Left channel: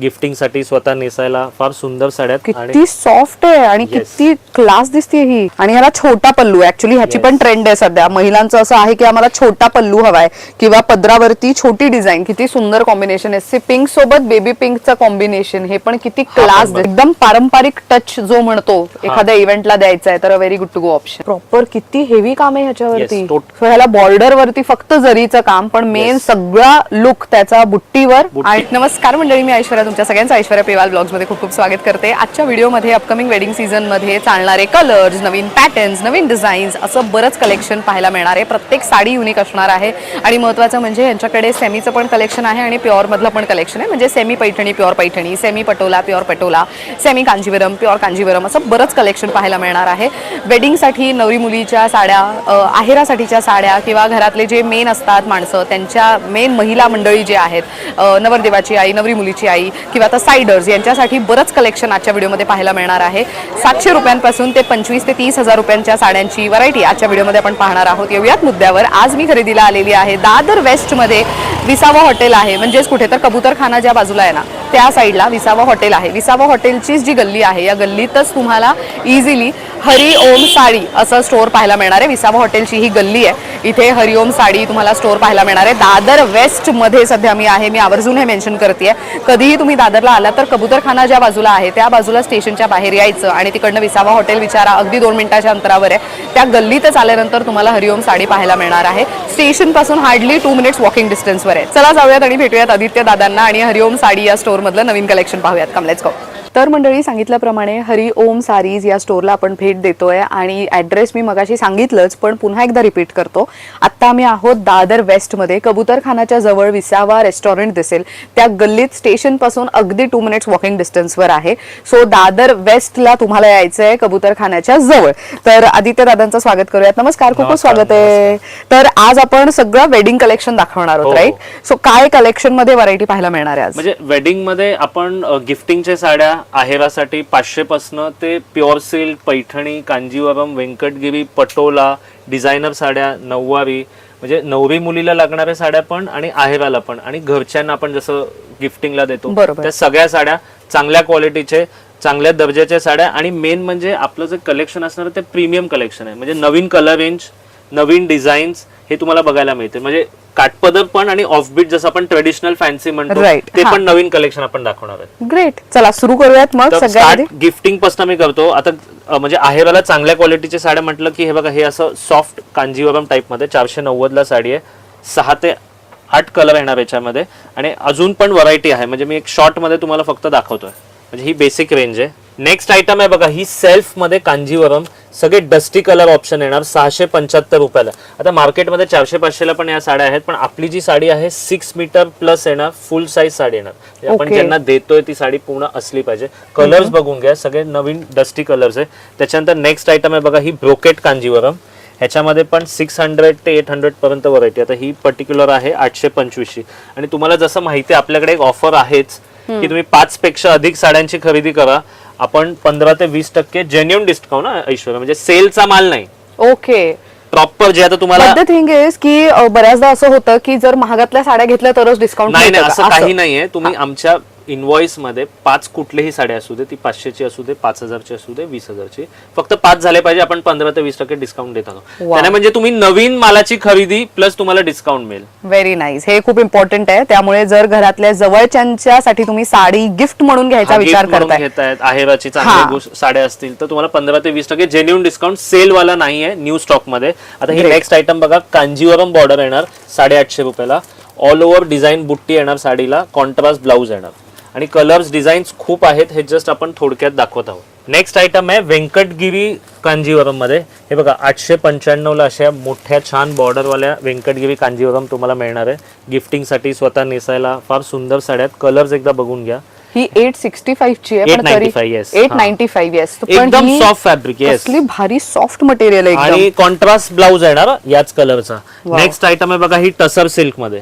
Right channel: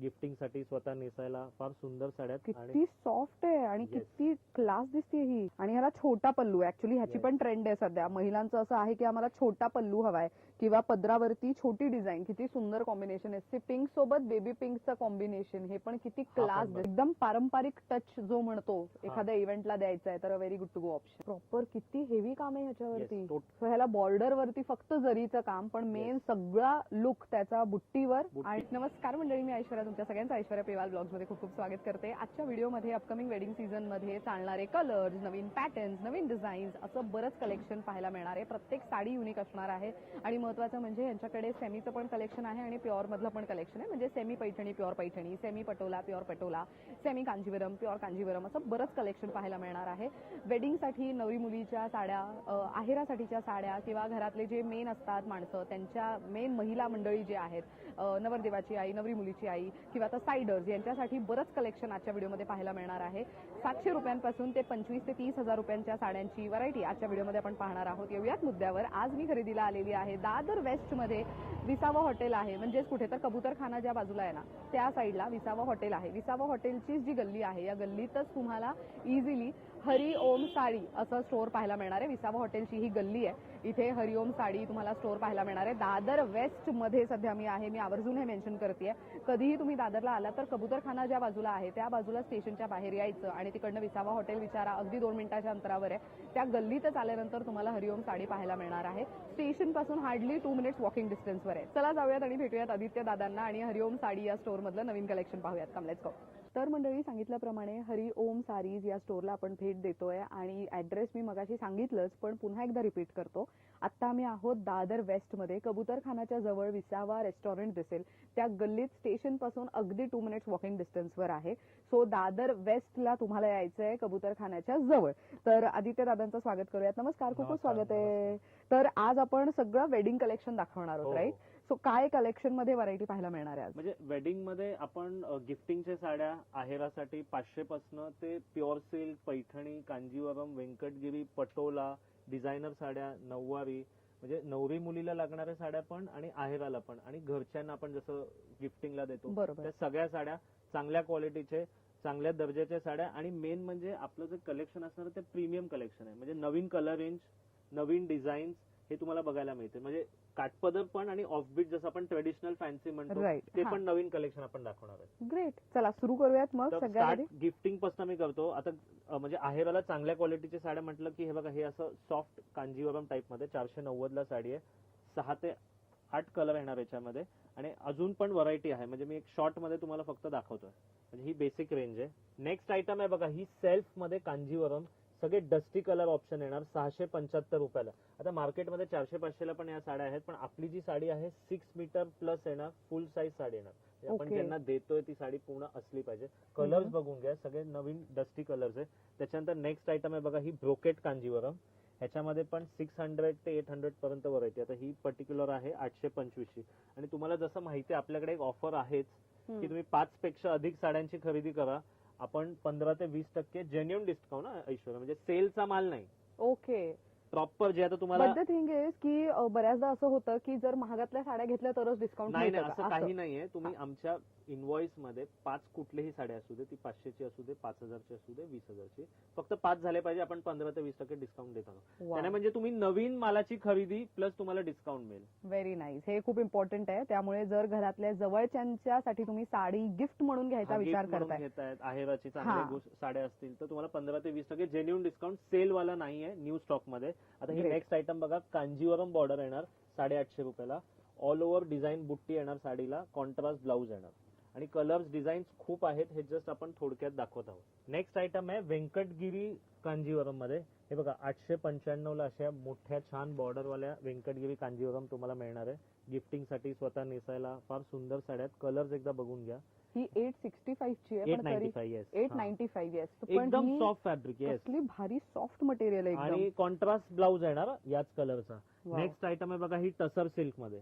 Gifting साठी स्वतः नेसायला फार सुंदर साड्या आहेत. किती सॉफ्ट आहे आणि किती क्लास दिसते ही. आणि ह्याला छोटा पल्लू, ऍक्च्युली ह्याची पण ट्रेंड आहे सध्या. महिलांचं असं आहे की आम्हाला छोटा पल्लू हवाय किंवा पदरावरती छोटी डिझाईन. किती सुंदर कॉम्बिनेशन आहे. सी पिंक सोबत बेबी पिंकचं कॉम्बिनेशन, हे पण किती क्लास, एकदम पारंपरिक टच जो म्हणतो एखाद्या इव्हेंटला द्यायचा आहे तर very good to go option. Proper किती हेवी काम आहे ह्याच्यावरती. ह्याला बॉर्डर वरती फक्त जरीचं काम, पण मेन सगळा लुक त्याचा बुट्टीवर. आणि नमस्कार मंडळी, मी ऐश्वर्या, तुमच्या सगळ्यांचं ऐश्वर्या पेवाल ब्लॉग्स मध्ये खूप खूप स्वागत करते. आजच्या व्हिडिओमध्ये अपकमिंग वेडिंग सीझन मध्ये चालणारे कलर्स, नवीन पॅटर्न्स, नवीन डिझाईन्स, असं बरंच कलेक्शन पाहायला मिळणार आहे. प्रत्येक साडी युनिक असणार आहे आणि महत्त्वाचं म्हणजे यांच्याकडे सेमीचं पण कलेक्शन आहे आणि प्युअर मधलं पण कलेक्शन आहे. म्हणजे semi Paithani, pure Paithani, semi Patola, pure Patola, semi Kanjeevaram, pure Kanjeevaram, असं बरंच कलेक्शन पाहायला मिळणार आहे. वेडिंगसाठी नवरी मुलीच्या साड्या, आहेरासाठीच्या साड्या किंवा घरातले जे मेन असतात माणसं, त्यांच्या मेन महिला मंडळी जे आहेत, नवरदेवाची आई, नवरी मुलीची आई किंवा आता साइडर्स, यांच्यासाठी बरंच कलेक्शन आजच्या व्हिडिओमध्ये पाहायला मिळणार आहे. 700 रुपयांपासून ते 25 ते 30,000 रुपयांच्या साड्यांची व्हरायटी आजच्या व्हिडिओमध्ये आपण पाहणार आहोत. येऊयात मुद्द्यावर. आज मी खरेदीला आलेली आहे दादर वेस्ट मध्ये. विसावा हॉटेल आहे, म्हणजेच कुठे तर कबूतरखाना ज्या बाजूला आहे ना त्या साईडला विसावा हॉटेल आहे. विसावा हॉटेलची जी गल्ली आहे या गल्लीतच तुम्हाला इझिली हरिओम साडी असं स्टोअर पाहायला मिळणार आहे. विसावा हॉटेलची ही गल्ली आहे, इथे हरिओम साडी तुम्हाला स्टोअर पाहायला मिळणार आहे. दादर वेस्ट मध्ये सध्या मी आहे. मी आवर्जून हे मेन्शन करते. कधीही तुम्ही दादरला आला तर कबूतरखाना ज्या बाजूला आहे त्या बाजूला स्टेशनच्या बाहेर यायचं आणि तिकडनं विसावा हॉटेल विचारा, अगदी 2 मिनिटाच्या अंतरावर आहे. त्या गल्लीतच आल्यानंतर तुम्हाला हरिओम साडी पाहायला मिळणार आहे. स्टेशन पासून हार्डली 2 मिनिट्स वॉकिंग डिस्टन्सवर आहे. चला जाऊयात आणि भेटूयात आदित्य दादांना आणि हरिओम साडी या स्टोअर मधलं नवीन कलेक्शन पाहूयात. Come let's go. तर मंडळी, सांगितल्याप्रमाणे हरिओम सारीज या स्टोअरला आपण भेट देतोय आणि ॲड्रेस मी मगाशी सांगितलंच, पण पुन्हा एकदा रिपीट करतो. आत्ता आम्ही आहोत दादर वेस्टमध्ये. कबूतरखानाच्या जवळ विसावा रेस्टॉरंट दिसेल, त्या गल्लीत स्टेशन पासून अगदी 2 मिनिट्स वॉकिंग डिस्टन्सवर आहे. सो दादर वेस्टला तुम्हाला यायचं आहे कबूतरखान्याच्या जवळ. तर आदित्य दादांचं स्वागत करूयात. नमस्कार, खूप खूप स्वागत आहे. तर आज आपण सगळं वेडिंग कलेक्शन दाखवणार आहोत, राईट? सो काय कलेक्शन मध्ये व्हरायटी पाहायला मिळणार आहे आज? म्हणजे वेडिंग मध्ये आपण गिफ्टिंगच्या साड्या आहेरासाठी 500 पासून ते pure silk, Paithani, Kanjeevaram, Venkatagiri, Patola, designer साड्या, नऊवारी, म्हणजे नवरी मुलीला लागणाऱ्या साड्या पण आणि आहेराला पण आणि घरच्यांना आपण जसं गिफ्टिंगला देतो त्या सगळ्या साड्या, चांगल्या क्वालिटीचे, चांगल्या दर्जाच्या साड्या. आणि मेन म्हणजे आपलं जे कलेक्शन असणार ते प्रीमियम कलेक्शन आहे. म्हणजे नवीन कलर रेंज, नवीन डिझाईन्स हे तुम्हाला बघायला मिळते. म्हणजे काठपदर पण आणि ऑफबीट जसं आपण ट्रेडिशनल फॅन्सी म्हणतो ते पण नवीन कलेक्शन आपण दाखवणार आहे. ग्रेट, चला सुरू करूयात मग. सगळ्यात गिफ्टिंग पासून मी करतो. आता म्हणजे आहेराला चांगल्या क्वालिटीची साड्या म्हटलं की हे बघा, हे असं सॉफ्ट कांजीवरम टाइप मध्ये 490 ला साडी आहे. 6 ते 8 कलर येणार याच्यामध्ये आणि अजून पण व्हरायटी आहे. म्हणजे मी एक शॉर्ट मध्ये तुम्हाला फक्त दाखवतोय. म्हणजे ही बेसिक रेंज आहे. नेक्स्ट आयटम आहे बघा, ही सेल्फ मध्ये कांजीवरम, सगळे डस्टी कलर ऑप्शन येणार 675 रुपयाला. आता मार्केटमध्ये 400-500 ला पण या साड्या आहेत, पण आपली जी साडी आहे 6 मीटर प्लस येणार, फुल साईज साडी येणार. आपण ज्यांना देतोय ती साडी पूर्ण असली पाहिजे. कलर्स बघून घ्या, सगळे नवीन डस्टी कलर्स आहे. त्याच्यानंतर नेक्स्ट आयटम आहे बघा, ही ब्रोकेट कांजीवरम. ह्याच्यामध्ये पण 600 ते 800 पर्यंत व्हरायटी. आता ही पर्टिक्युलर आहे 825 आणि तुम्हाला जसं माहिती आहे आपल्याकडे एक ऑफर आहेच की तुम्ही 5 पेक्षा अधिक साड्यांची खरेदी करा, आपण 15 ते 20% जेन्युइन डिस्काउंट ना ऐश्वर्या, म्हणजे सेलचा माल नाही. ओके, प्रॉपर जे आता तुम्हाला द थिंग इज की बऱ्याचदा असं होतं की जर महागातल्या साड्या घेतल्या तरच डिस्काउंट. नाही, असं काही नाहीये. तुम्ही आमच्या इनवॉइस मध्ये 5 कुठलीही साडी असू दे, ती 500 ची असू दे, 5000 ची असू दे, 20,000 ची, फक्त 5 झाले पाहिजे, आपण 15 ते 20% डिस्काउंट देत आहोत. त्याने म्हणजे तुम्ही नवीन मालाची खरेदी प्लस तुम्हाला डिस्काउंट मिळेल. व्हेरी नाईस, हे खूप इम्पॉर्टंट आहे. त्यामुळे जर घरातल्या जवळच्यांच्यासाठी तुम्ही साडी गिफ्ट म्हणून घ्यायचा विचार करताय, आहेराची चांगली साड्या असतील तर तुम्हाला 15 ते 20% जेन्युइन डिस्काउंट, सेल वाला नाहीये, न्यू स्टॉक मध्ये. आता ही नेक्स्ट आयटम बघा, कांजीवरम बॉर्डर येणार 850 रुपयाला. ऑल ओव्हर डिझाईन बुट्टी येणार साडीला, कॉन्ट्रास्ट ब्लाउज येणार आणि कलर्स डिझाईन्स खूप आहेत. हे जस्ट आपण थोडक्यात दाखवत आहोत. नेक्स्ट आयटम आहे व्यंकटगिरी कांजीवरम मध्ये. हे बघा 895 ला अशा मोठ्या छान बॉर्डरवाल्या व्यंकटगिरी कांजीवरम तुम्हाला मिळणार आहे. गिफ्टिंग साठी, स्वतः नेसायला फार सुंदर साड्या आहेत. कलर्स एकदा बघून घ्या. ही 865 ची आहे, पण 895 येस, एकदम सॉफ्ट फॅब्रिक. येस, कसली भारी सॉफ्ट मटेरियल आहे आणि कॉन्ट्रास्ट ब्लाउज येणार याच कलरचा. नेक्स्ट आयटम आहे बघा, ही टसर सिल्क मध्ये.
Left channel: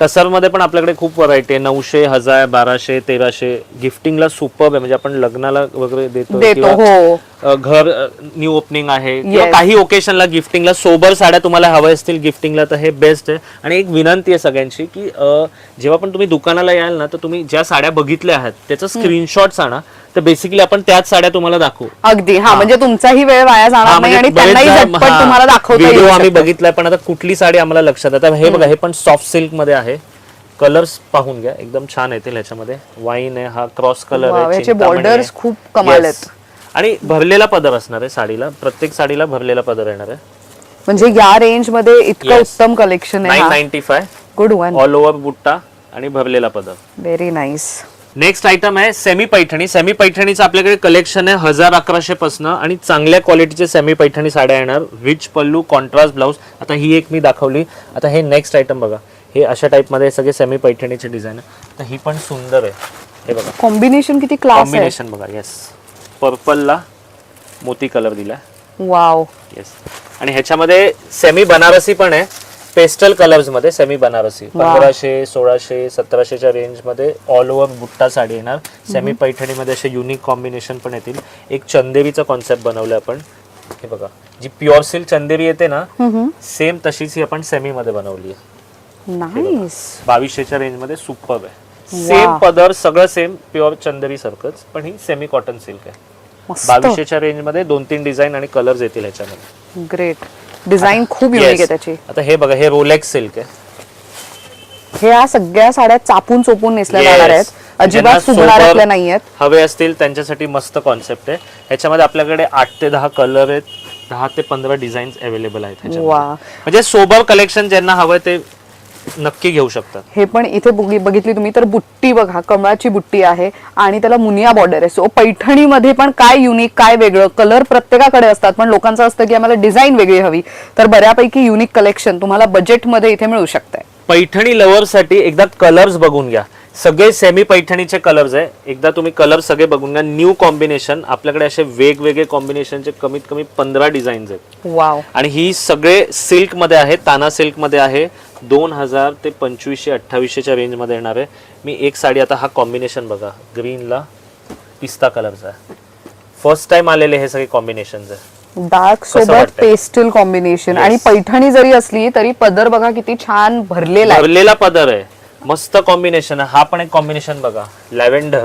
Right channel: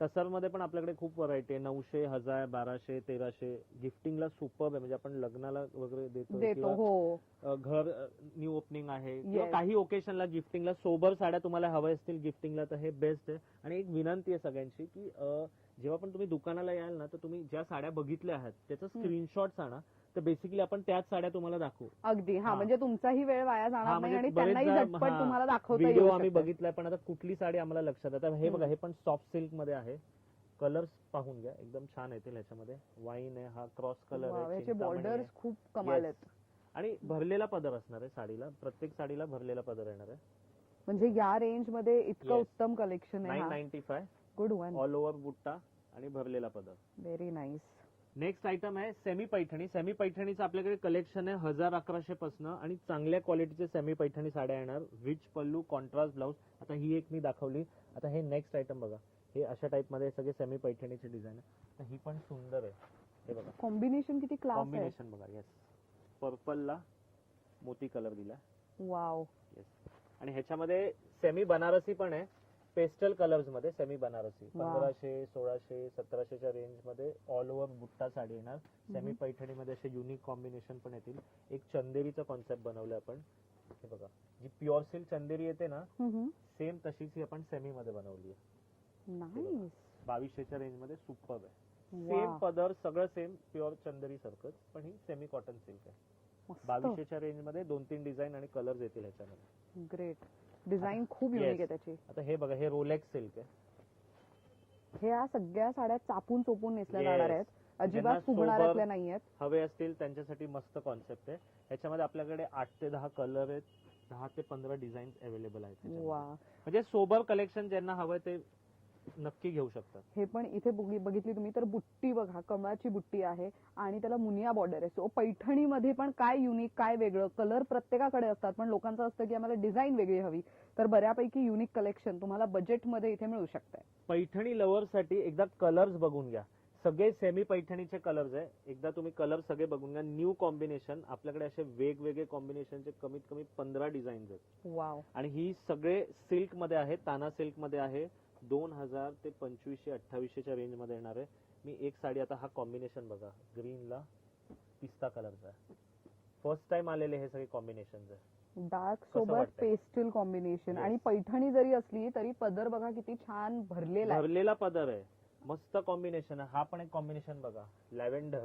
टसर मध्ये पण आपल्याकडे खूप व्हरायटी आहे. 900, 1000, 1200, 1300. गिफ्टिंगला सुपर्ब आहे, म्हणजे आपण लग्नाला वगैरे देतो किंवा, हो घर न्यू ओपनिंग आहे किंवा काही ओकेशनला गिफ्टिंगला सोबर साड्या तुम्हाला हव्या असतील गिफ्टिंगला, तर हे बेस्ट आहे. आणि एक विनंती आहे सगळ्यांची की जेव्हा पण तुम्ही दुकानाला याल ना, तर तुम्ही ज्या साड्या बघितल्या आहेत त्याचा स्क्रीनशॉट्स आणा, तर बेसिकली आपण त्याच साड्या तुम्हाला दाखवू. अगदी. हा, म्हणजे तुमचाही वेळ वाया जाणार नाही आणि त्यांनाही झटपट तुम्हाला दाखवता येईल. व्हिडिओ आम्ही बघितलाय, पण आता कुठली साडी आम्हाला लक्षात आता हे बघा, हे पण सॉफ्ट सिल्क मध्ये आहे. कलर्स पाहून घ्या, एकदम छान येतील ह्याच्यामध्ये. वाईन आहे, हा क्रॉस कलर आहे, याचे बॉर्डर्स खूप कमाल आहेत. आणि भरलेला पदर असणार आहे साडीला, प्रत्येक साडीला भरलेला पदर येणार आहे. म्हणजे या रेंज मध्ये इतकं उत्तम कलेक्शन आहे. 995. Good one. ऑल ओव्हर बुट्टा आणि भरलेला पदर. Very nice. नेक्स्ट आयटम आहे सेमी पैठणी. सेमी पैठणीचं आपल्याकडे कलेक्शन आहे 1000-1100 पासून, आणि चांगल्या क्वालिटीचे सेमी पैठणी साड्या येणार. रिच पल्लू, कॉन्ट्रास्ट ब्लाउज. आता ही एक मी दाखवली, आता हे नेक्स्ट आयटम बघा. हे अशा टाइप मध्ये सगळे सेमी पैठणीचे डिझाईन आहे. तर ही पण सुंदर आहे. हे बघा कॉम्बिनेशन किती क्लास आहे. कॉम्बिनेशन बघा. येस, पर्पलला मोती कलर दिलाय. वाव. येस. आणि ह्याच्यामध्ये सेमी बनारसी पण आहे, पेस्टल कलर्स मध्ये सेमी बनारसी. 1500, 1600, 1700च्या रेंज मध्ये ऑल ओव्हर बुट्टा साडी येणार. सेमी पैठणी मध्ये असे युनिक कॉम्बिनेशन पण येतील. एक चंदेरीचा कॉन्सेप्ट बनवलाय आपण. हे बघा, जी प्युअर सिल्क चंदेरी येते ना, सेम तशीच ही आपण सेमी मध्ये बनवली आहे. नाईस. 2200च्या रेंज मध्ये सुपर्ब आहे. सेम पदर सगळं सेम, प्युअर चंदेरी सारखंच, पण ही सेमी कॉटन सिल्क आहे. 2200च्या रेंज मध्ये 2-3 डिझाईन आणि कलर्स येतील ह्याच्यामध्ये. ग्रेट. डिझाईन खूप युनिक आहे त्याची. आता हे बघा, हे रोलेक्स सिल्क आहे. ह्या सगळ्या साड्या चापून चोपून नेसल्या जाणार आहेत, अजिबात सुगणाऱ्यातल्या नाहीयेत. हवे असतील त्यांच्यासाठी मस्त कॉन्सेप्ट आहे. ह्याच्यामध्ये आपल्याकडे 8 ते 10 कलर आहेत, 10 ते 15 डिझाईन्स अवेलेबल आहेत ह्याच्यामध्ये. म्हणजे सोबर कलेक्शन ज्यांना हवंय ते नक्की घेऊ शकतात. हे पण इथे बघितली तुम्ही तर बुट्टी बघा, कमळाची बुट्टी आहे आणि त्याला मुनिया बॉर्डर आहे. सो पैठणीमध्ये पण काय युनिक, काय वेगळं. कलर प्रत्येकाकडे असतात, पण लोकांचं असतं की आम्हाला डिझाईन वेगळी हवी. तर बऱ्यापैकी युनिक कलेक्शन तुम्हाला बजेटमध्ये इथे मिळू शकतंय. पैठणी लव्हरसाठी एकदा कलर्स बघून घ्या. सगळे सेमी पैठणीचे कलर्स आहे. एकदा तुम्ही कलर सगळे बघून घ्या. न्यू कॉम्बिनेशन आपल्याकडे असे वेगवेगळे कॉम्बिनेशनचे कमीत कमी 15 डिझाईन्स आहेत. वाव. आणि ही सगळे सिल्क मध्ये आहे, ताना सिल्क मध्ये आहे. 2000 ते 2500-2800च्या रेंज मध्ये येणार आहे. मी एक साडी, आता हा कॉम्बिनेशन बघा, ग्रीनला पिस्ता कलरचा आहे. फर्स्ट टाइम आलेले हे सगळे कॉम्बिनेशन आहे. डार्क सोबत पेस्टल कॉम्बिनेशन. आणि पैठणी जरी असली तरी पदर बघा किती छान भरलेला पदर आहे. मस्त कॉम्बिनेशन आहे. हा पण एक कॉम्बिनेशन बघा, लॅव्हेंडर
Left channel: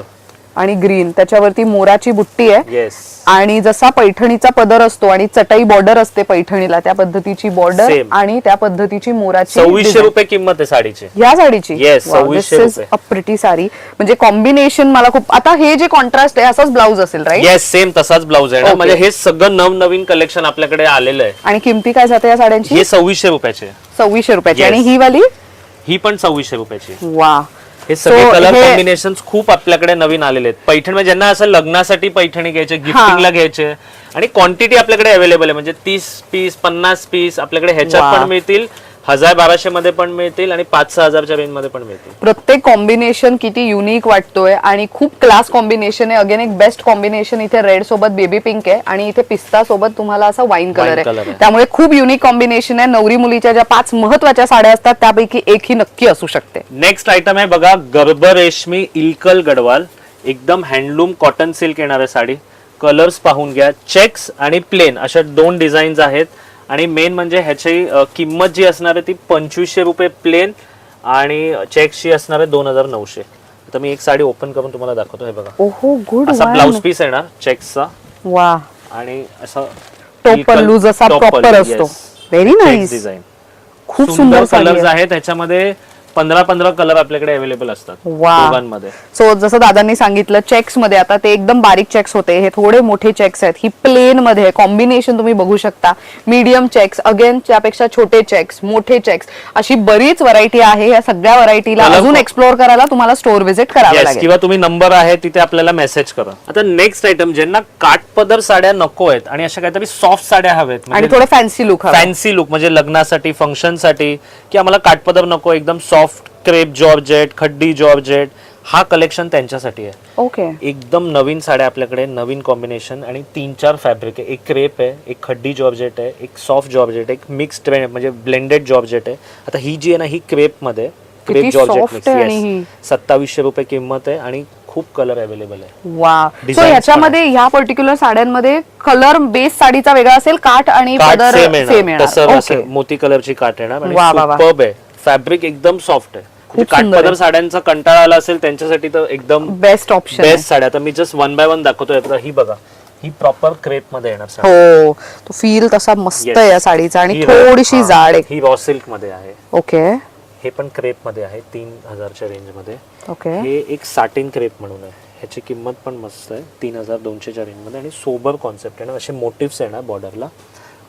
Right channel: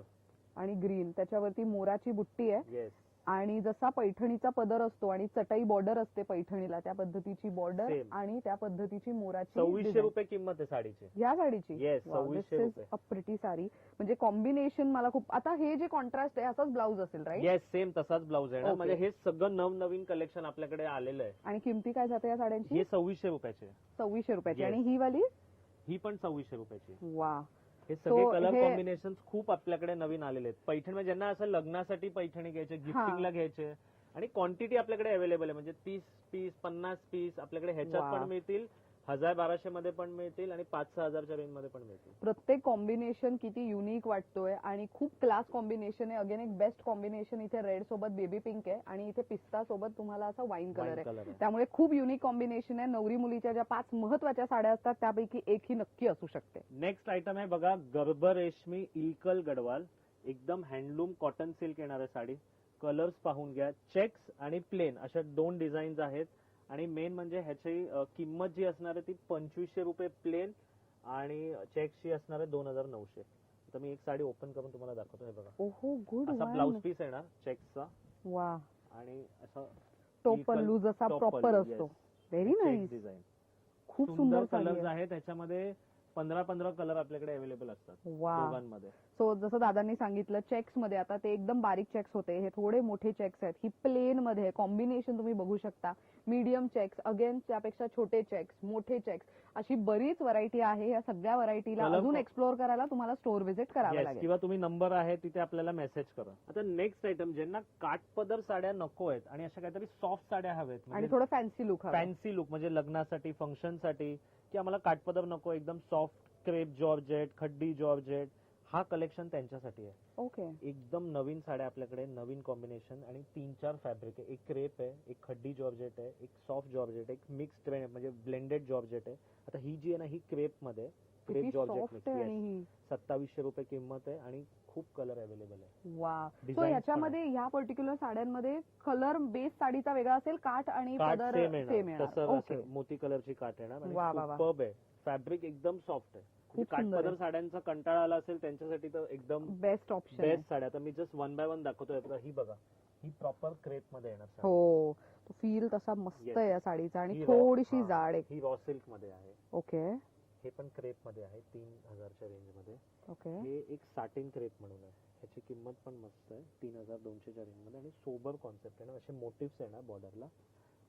आणि ग्रीन, त्याच्यावरती मोराची बुट्टी आहे. येस. आणि जसा पैठणीचा पदर असतो आणि चटाई बॉर्डर असते पैठणीला, त्या पद्धतीची बॉर्डर आणि त्या पद्धतीची मोराची. 2600 रुपये किंमत आहे साडीची, या साडीची. येस, 2600 रुपये. A pretty sari. म्हणजे कॉम्बिनेशन मला खूप. आता हे जे कॉन्ट्रास्ट आहे असाच ब्लाऊज असेल, राईट? येस, सेम तसाच ब्लाऊज आहे ना. म्हणजे हे सगळं नवनवीन कलेक्शन आपल्याकडे आलेलं आहे. आणि किमती काय जाते या साड्यांची? हे 2600 रुपयाचे. 2600 रुपयाची. आणि ही वाली? ही पण 2600 रुपयाची. वा. हे सगळे कलर कॉम्बिनेशन खूप आपल्याकडे नवीन आलेले आहेत. पैठणी म्हणजे ज्यांना असं लग्नासाठी पैठणी घ्यायचे, गिफ्टिंगला घ्यायचे, आणि क्वांटिटी आपल्याकडे अवेलेबल आहे. म्हणजे 30 पीस, 50 पीस आपल्याकडे ह्याच्यात पण मिळतील, 1000-1200 मध्ये पण मिळतील, आणि 5-6000च्या रेंज मध्ये पण मिळतील. प्रत्येक कॉम्बिनेशन किती युनिक वाटतोय आणि खूप क्लास कॉम्बिनेशन आहे. अगेन एक बेस्ट कॉम्बिनेशन इथे रेड सोबत बेबी पिंक आहे आणि इथे पिस्ता सोबत तुम्हाला असा वाईन कलर आहे. त्यामुळे खूप युनिक कॉम्बिनेशन आहे. नवरी मुलीच्या ज्या 5 महत्वाच्या साड्या असतात त्यापैकी एक ही नक्की असू शकते. नेक्स्ट आयटम आहे बघा, गर्भ रेशमी इल्कल गडवाल. एकदम हँडलूम कॉटन सिल्क येणार आहे साडी. कलर्स पाहून घ्या. चेक्स आणि प्लेन अशा 2 डिझाईन्स आहेत. आणि मेन म्हणजे ह्याची किंमत जी असणार आहे ती 2500 रुपये प्लेन, आणि चेक्सची असणार आहे 2900. आता मी एक साडी ओपन करून तुम्हाला दाखवतो. हे बघा, ओहो, गुड. असा ब्लाउज पीस येणार चेक्सचा. वा. आणि असा टोपल्लू जसा प्रॉपर असतो. Very nice design. खूप सुंदर कलर्स आहेत त्याच्यामध्ये. 15 कलर आपल्याकडे अवेलेबल असतात दोघांमध्ये. सो जसं दादांनी सांगितलं चेक्स मध्ये, आता ते एकदम बारीक चेक्स होते, हे थोडे मोठे चेक्स आहेत. ही प्लेन मध्ये कॉम्बिनेशन तुम्ही बघू शकता. मीडियम चेक्स, अगेन त्यापेक्षा छोटे चेक्स, मोठे चेक्स, अशी बरीच व्हरायटी आहे. या सगळ्या व्हरायटीला अजून एक्सप्लोर करायला तुम्हाला स्टोर व्हिजिट करावं लागेल, किंवा तुम्ही नंबर आहे तिथे आपल्याला मेसेज करा. आता नेक्स्ट आयटम, ज्यांना काठपदर साड्या नको आहेत आणि अशा काहीतरी सॉफ्ट साड्या हव्यात आणि थोडं फॅन्सी लुक, म्हणजे लग्नासाठी, फंक्शनसाठी, की आम्हाला काठपदर नको, एकदम सॉफ्ट क्रेप जॉर्जेट, खड्डी जॉर्जेट, हा कलेक्शन त्यांच्यासाठी आहे. ओके. एकदम नवीन साड्या आपल्याकडे, नवीन कॉम्बिनेशन आणि 3-4 फॅब्रिक आहे. एक क्रेप आहे, एक खड्डी जॉर्जेट आहे, एक सॉफ्ट जॉर्जेट, एक मिक्स्ड म्हणजे ब्लेंडेड जॉर्जेट आहे. आता ही जी आहे ना, ही क्रेप मध्ये क्रेप किती जॉर्जेट soft आहे आणि ही. मिक्स 2700 रुपये किंमत आहे आणि खूप कलर अवेलेबल आहे. वा सो Designs ह्याच्यामध्ये ह्या पर्टिक्युलर साड्यांमध्ये कलर बेस साडीचा वेगळा असेल, काठ आणि काठ पदर सेम सेम येणार, तसं येणार. असं ओके, मोती कलरची काठ येणार आणि वा, वा, वा. सुपर्ब आहे. फॅब्रिक एकदम सॉफ्ट आहे. म्हणजे काठ सुंदर पदर आहे. साड्यांचा कंटाळा आला असेल त्यांच्यासाठी तर एकदम बेस्ट ऑप्शन बेस्ट साड्या. आता मी जस्ट वन बाय वन दाखवतोय. आता ही बघा, ही प्रॉपर क्रेप मध्ये येणार साडी. हो, तो फील तसा मस्त Yes. आहे या साडीचा आणि ही थोडीशी हा, जाड आहे. ही रॉ सिल्क मध्ये आहे. ओके हे पण क्रेप मध्ये आहे 3000च्या रेंज मध्ये. ओके हे एक साटिन क्रेप म्हणून आहे. ह्याची किंमत पण मस्त आहे 3200च्या रेंज मध्ये आणि सोबर कॉन्सेप्ट आहे ना, असे मोटिव्स येणार बॉर्डरला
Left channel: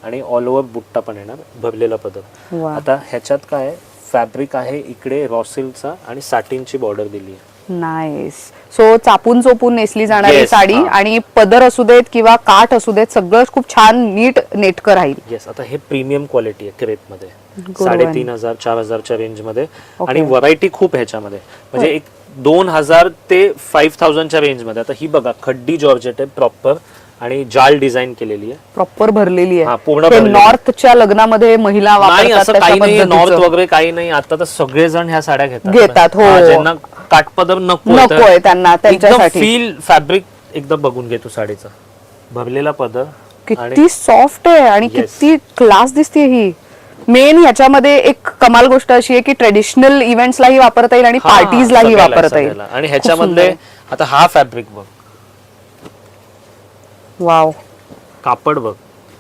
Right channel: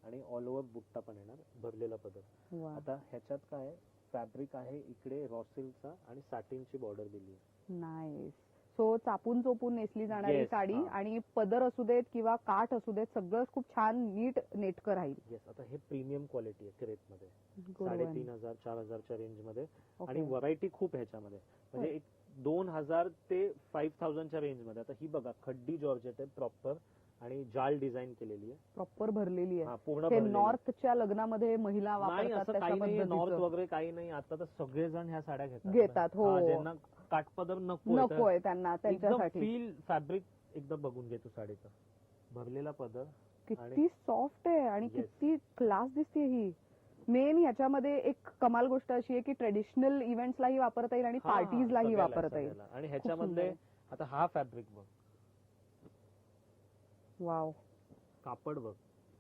आणि ऑल ओव्हर बुट्टा पण येणार, भरलेला पदर. वा आता ह्याच्यात काय फॅब्रिक आहे, इकडे रॉ सिल्कचा आणि साटिनची बॉर्डर दिली आहे. नाईस. सो चापून चोपून नेसली जाणारी Yes, साडी हा. आणि पदर असू देत किंवा काठ असू देत सगळं खूप छान नीट नेटकं राहील. येस. आता हे प्रीमियम क्वालिटी आहे क्रेप मध्ये, Good 3500 4000च्या रेंज मध्ये. Okay. आणि व्हरायटी खूप ह्याच्यामध्ये, म्हणजे एक 2000 ते 5000च्या रेंज मध्ये. आता ही बघा, खड्डी जॉर्जेट आहे प्रॉपर आणि जाल डिझाईन केलेली आहे. प्रॉपर भरलेली हा, आहे. पूर्ण हे भरलेली. नॉर्थच्या लग्नामध्ये महिला नाही वापरतात असं तशा काही नाही, नॉर्थ पद्धतीचं. वगैरे काही नाही. आता तर सगळेजण ह्या साड्या घेतात. घेतात, हो. हा, ज्यांना काठपदर नकोय त्यांना त्यांच्यासाठी. फील फॅब्रिक एकदम बघून घे तू साडीचा, भरलेला पदर. किती सॉफ्ट आहे आणि Yes. किती क्लास दिसते ही. मेन ह्याच्यामध्ये एक कमाल गोष्ट अशी आहे की ट्रेडिशनल इव्हेंट्सलाही वापरता येईल आणि हा, पार्टीजलाही सगळ्याला, वापरता येईल. सगळ्याला. आणि ह्याच्यामधले आता हा फॅब्रिक बघ, वाव कापड बघ,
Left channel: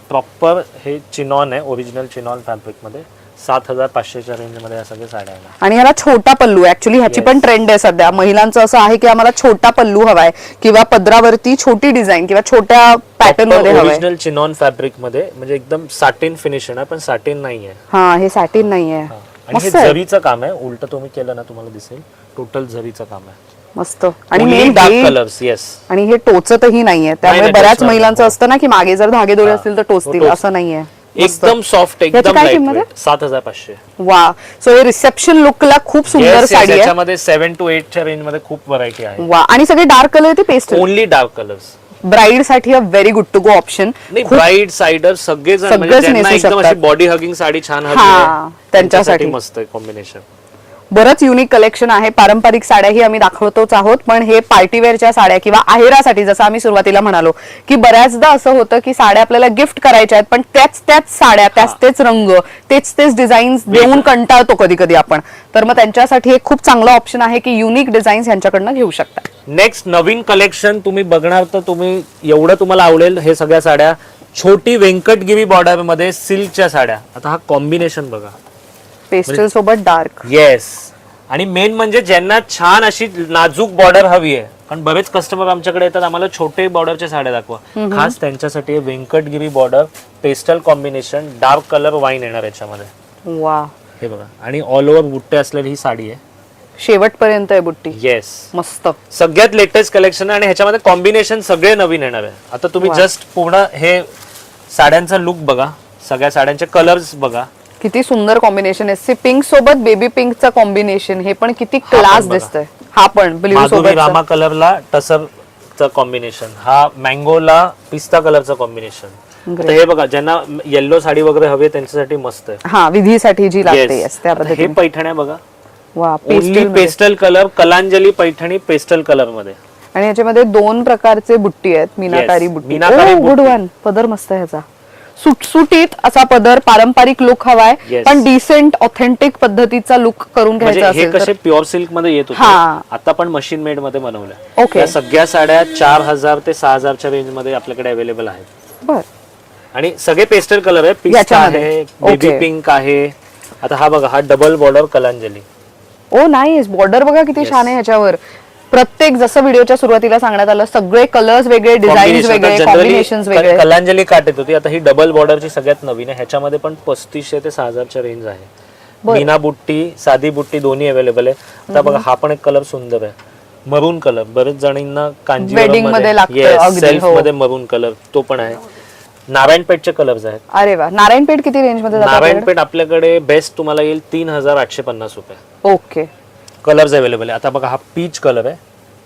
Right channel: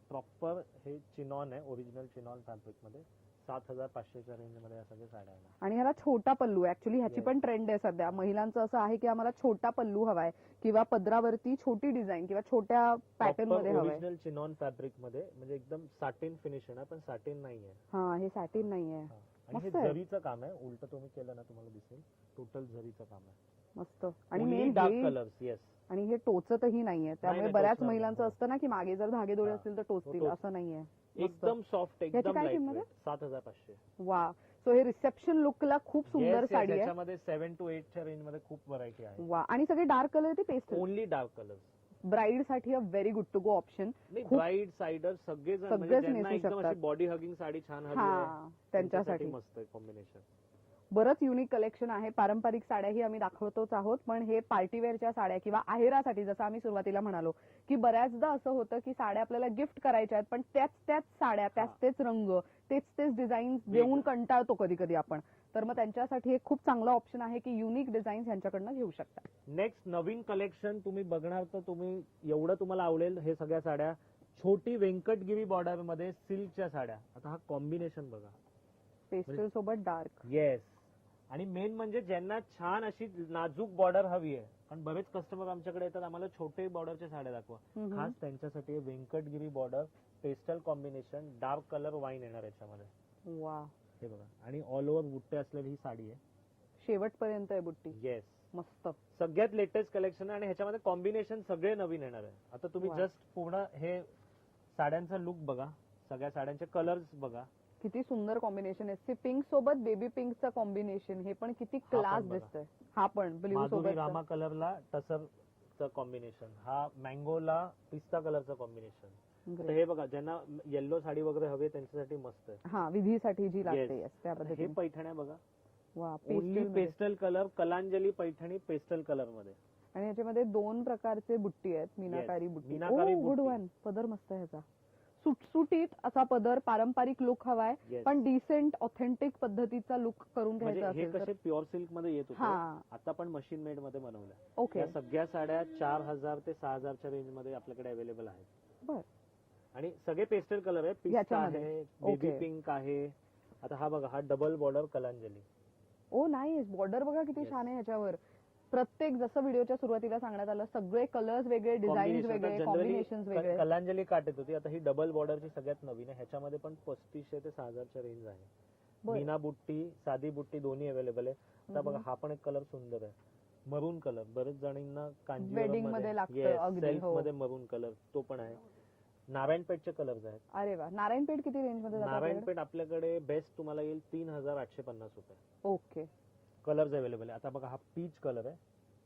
प्रॉपर हे चिनॉन आहे, ओरिजिनल चिनॉन फॅब्रिक मध्ये. 7500च्या रेंज मध्ये या सगळ्या साड्या आहेत. आणि ह्याला छोटा पल्लू ऍक्च्युली ह्याची पण ट्रेंड आहे सध्या. महिलांचं असं आहे की आम्हाला छोटा पल्लू हवाय किंवा पदरावरती छोटी डिझाईन किंवा छोट्या पॅटर्न मध्ये हवाय. ओरिजिनल चिनॉन फॅब्रिक मध्ये, म्हणजे एकदम साटिन फिनिश आहे, पण साटिन नाहीये. हा, हे सॅटिन नाहीये. आणि हे मस्त आहे, झरीचं काम आहे. उलट तुम्ही केलं ना, तुम्हाला दिसेल टोटल झरीचं काम आहे. मस्त. आणि मेन डार्क कलर्स. येस. आणि हे टोचतही नाहीये, त्यामुळे नाही, बऱ्याच टोचणार महिलांचं नाही. असतं ना की मागे जर धागे दोरे असतील तर टोचतील, टोच. असं नाहीये. मस्त. एकदम सॉफ्ट, याची एकदम काय लाईट किंमत आहे? वेट. 7500. वा. सो हे रिसेप्शन लुकला खूप सुंदर Yes, yes, साडी आहे. याच्यामध्ये 7 to 8च्या रेंज मध्ये खूप व्हरायटी आहे. वा. आणि सगळे डार्क कलर ते pastel. Only dark colours. Bride साठी a very good to go option. नाही, ब्राईड साइडर सगळेजण, म्हणजे सगळेच ज्यांना नेसू एकदम शकतात. अशी बॉडी हगिंग साडी छान हवी हा, आहे, त्यांच्यासाठी मस्त आहे कॉम्बिनेशन. बरंच युनिक कलेक्शन आहे. पारंपरिक साड्याही आम्ही दाखवतोच आहोत, पण हे पार्टीवेअरच्या साड्या किंवा आहेरासाठी, जसं आम्ही सुरुवातीला म्हणालो की बऱ्याचदा असं होतं की साड्या आपल्याला गिफ्ट करायच्या आहेत पण त्याच साड्या, तेच रंग, तेच डिझाईन्स देऊन कंटाळतो कधी कधी आपण. तर मग त्यांच्यासाठी एक खूप चांगला ऑप्शन आहे की युनिक डिझाईन्स यांच्याकडनं घेऊ शकता. नेक्स्ट नवीन कलेक्शन तुम्ही बघणार तर तुम्ही एवढं तुम्हाला आवडेल. हे सगळ्या साड्या छोटी व्यंकटगिरी बॉर्डर मध्ये सिल्कच्या साड्या. आता हा कॉम्बिनेशन बघा, पेस्टल सोबत डार्क. येस. आणि मेन म्हणजे ज्यांना छान अशी नाजूक बॉर्डर हवी आहे, कारण बरेच कस्टमर आमच्याकडे येतात, आम्हाला छोटे बॉर्डरच्या साड्या दाखवा, खास त्यांच्यासाठी Venkatagiri border, pastel combination, dark colour wine येणार याच्यामध्ये. वा. हे बघा, आणि ऑल ओव्हर बुट्टे असलेली ही साडी आहे. शेवटपर्यंत आहे बुट्टी. येस. मस्त. सगळ्यात लेटेस्ट कलेक्शन आणि ह्याच्यामध्ये कॉम्बिनेशन सगळे नवीन येणार आहे. आता तुम्ही जस्ट पूर्ण हे साड्यांचा लुक बघा, सगळ्या साड्यांचे कलर्स बघा, किती सुंदर कॉम्बिनेशन आहे. पिंक सोबत बेबी पिंकचं कॉम्बिनेशन, हे पण किती क्लास बघा. दिसतंय. हा पण ब्ल्यू माधुरी सोबत. रामा कलरला टसरचं कॉम्बिनेशन, हा मँगोला पिस्ता कलरचं कॉम्बिनेशन. आता हे बघा, ज्यांना येल्लो साडी वगैरे हवी आहे त्यांच्यासाठी मस्त आहे. हा, विधीसाठी जी लागते. Yes. yes, त्या आता हे पद्धतीने. पैठण्या बघा, वा. Only pastel. Pastel colour, Kalanjali Paithani pastel colour मध्ये. आणि याच्यामध्ये 2 प्रकारचे बुट्टी आहेत. मीनाकारी Yes, बुट्टी. मीनाकारी गुड बुट्टी. वन. पदर मस्त आहे ह्याचा. सुटसुटीत असा पदर, पारंपरिक लुक हवाय Yes. पण डिसेंट ऑथेंटिक पद्धतीचा लुक करून म्हणजे घ्यायचा हे असेल कसे तर. प्युअर सिल्क मध्ये येत होते, हा. आता पण मशीन मेड मध्ये बनवल्या. Okay. या सगळ्या साड्या 4000 ते 6000च्या रेंज मध्ये आपल्याकडे अवेलेबल आहेत. बर. आणि सगळे पेस्टल कलर आहे. पिस्ता याच्यामध्ये. आहे, बेबी Okay. पिंक आहे. आता हा बघा, हा डबल बॉर्डर कलांजली. ओ नाईस. बॉर्डर बघा किती Yes. छान आहे ह्याच्यावर. प्रत्येक, जसं व्हिडिओच्या सुरुवातीला सांगण्यात आलं, सगळे कलर्स वेगळे, डिझाईन्स वेगळे, कॉम्बिनेशन्स वेगळे. कलांजली काट येत होती, आता ही डबल बॉर्डरची सगळ्यात नवीन आहे. ह्याच्यामध्ये पण 3500 ते 6000च्या रेंज आहे. मीना बुट्टी, साधी बुट्टी दोन्ही अवेलेबल आहे. आता बघा, हा पण एक कलर सुंदर आहे, मरून कलर. बरेच जणींना Wedding मध्ये लागतं, अगदी, सेल्फ हो. मध्ये मरून कलर, तो पण आहे. नारायणपेठचे कलर्स आहेत. अरे वा. नारायणपेठ किती रेंज मध्ये जातं आपल्याकडे? नारायणपेठ आपल्याकडे बेस्ट तुम्हाला येईल 3850 रुपये. ओके. कलर्स अवेलेबल आहे. आता बघा, हा पीच कलर आहे,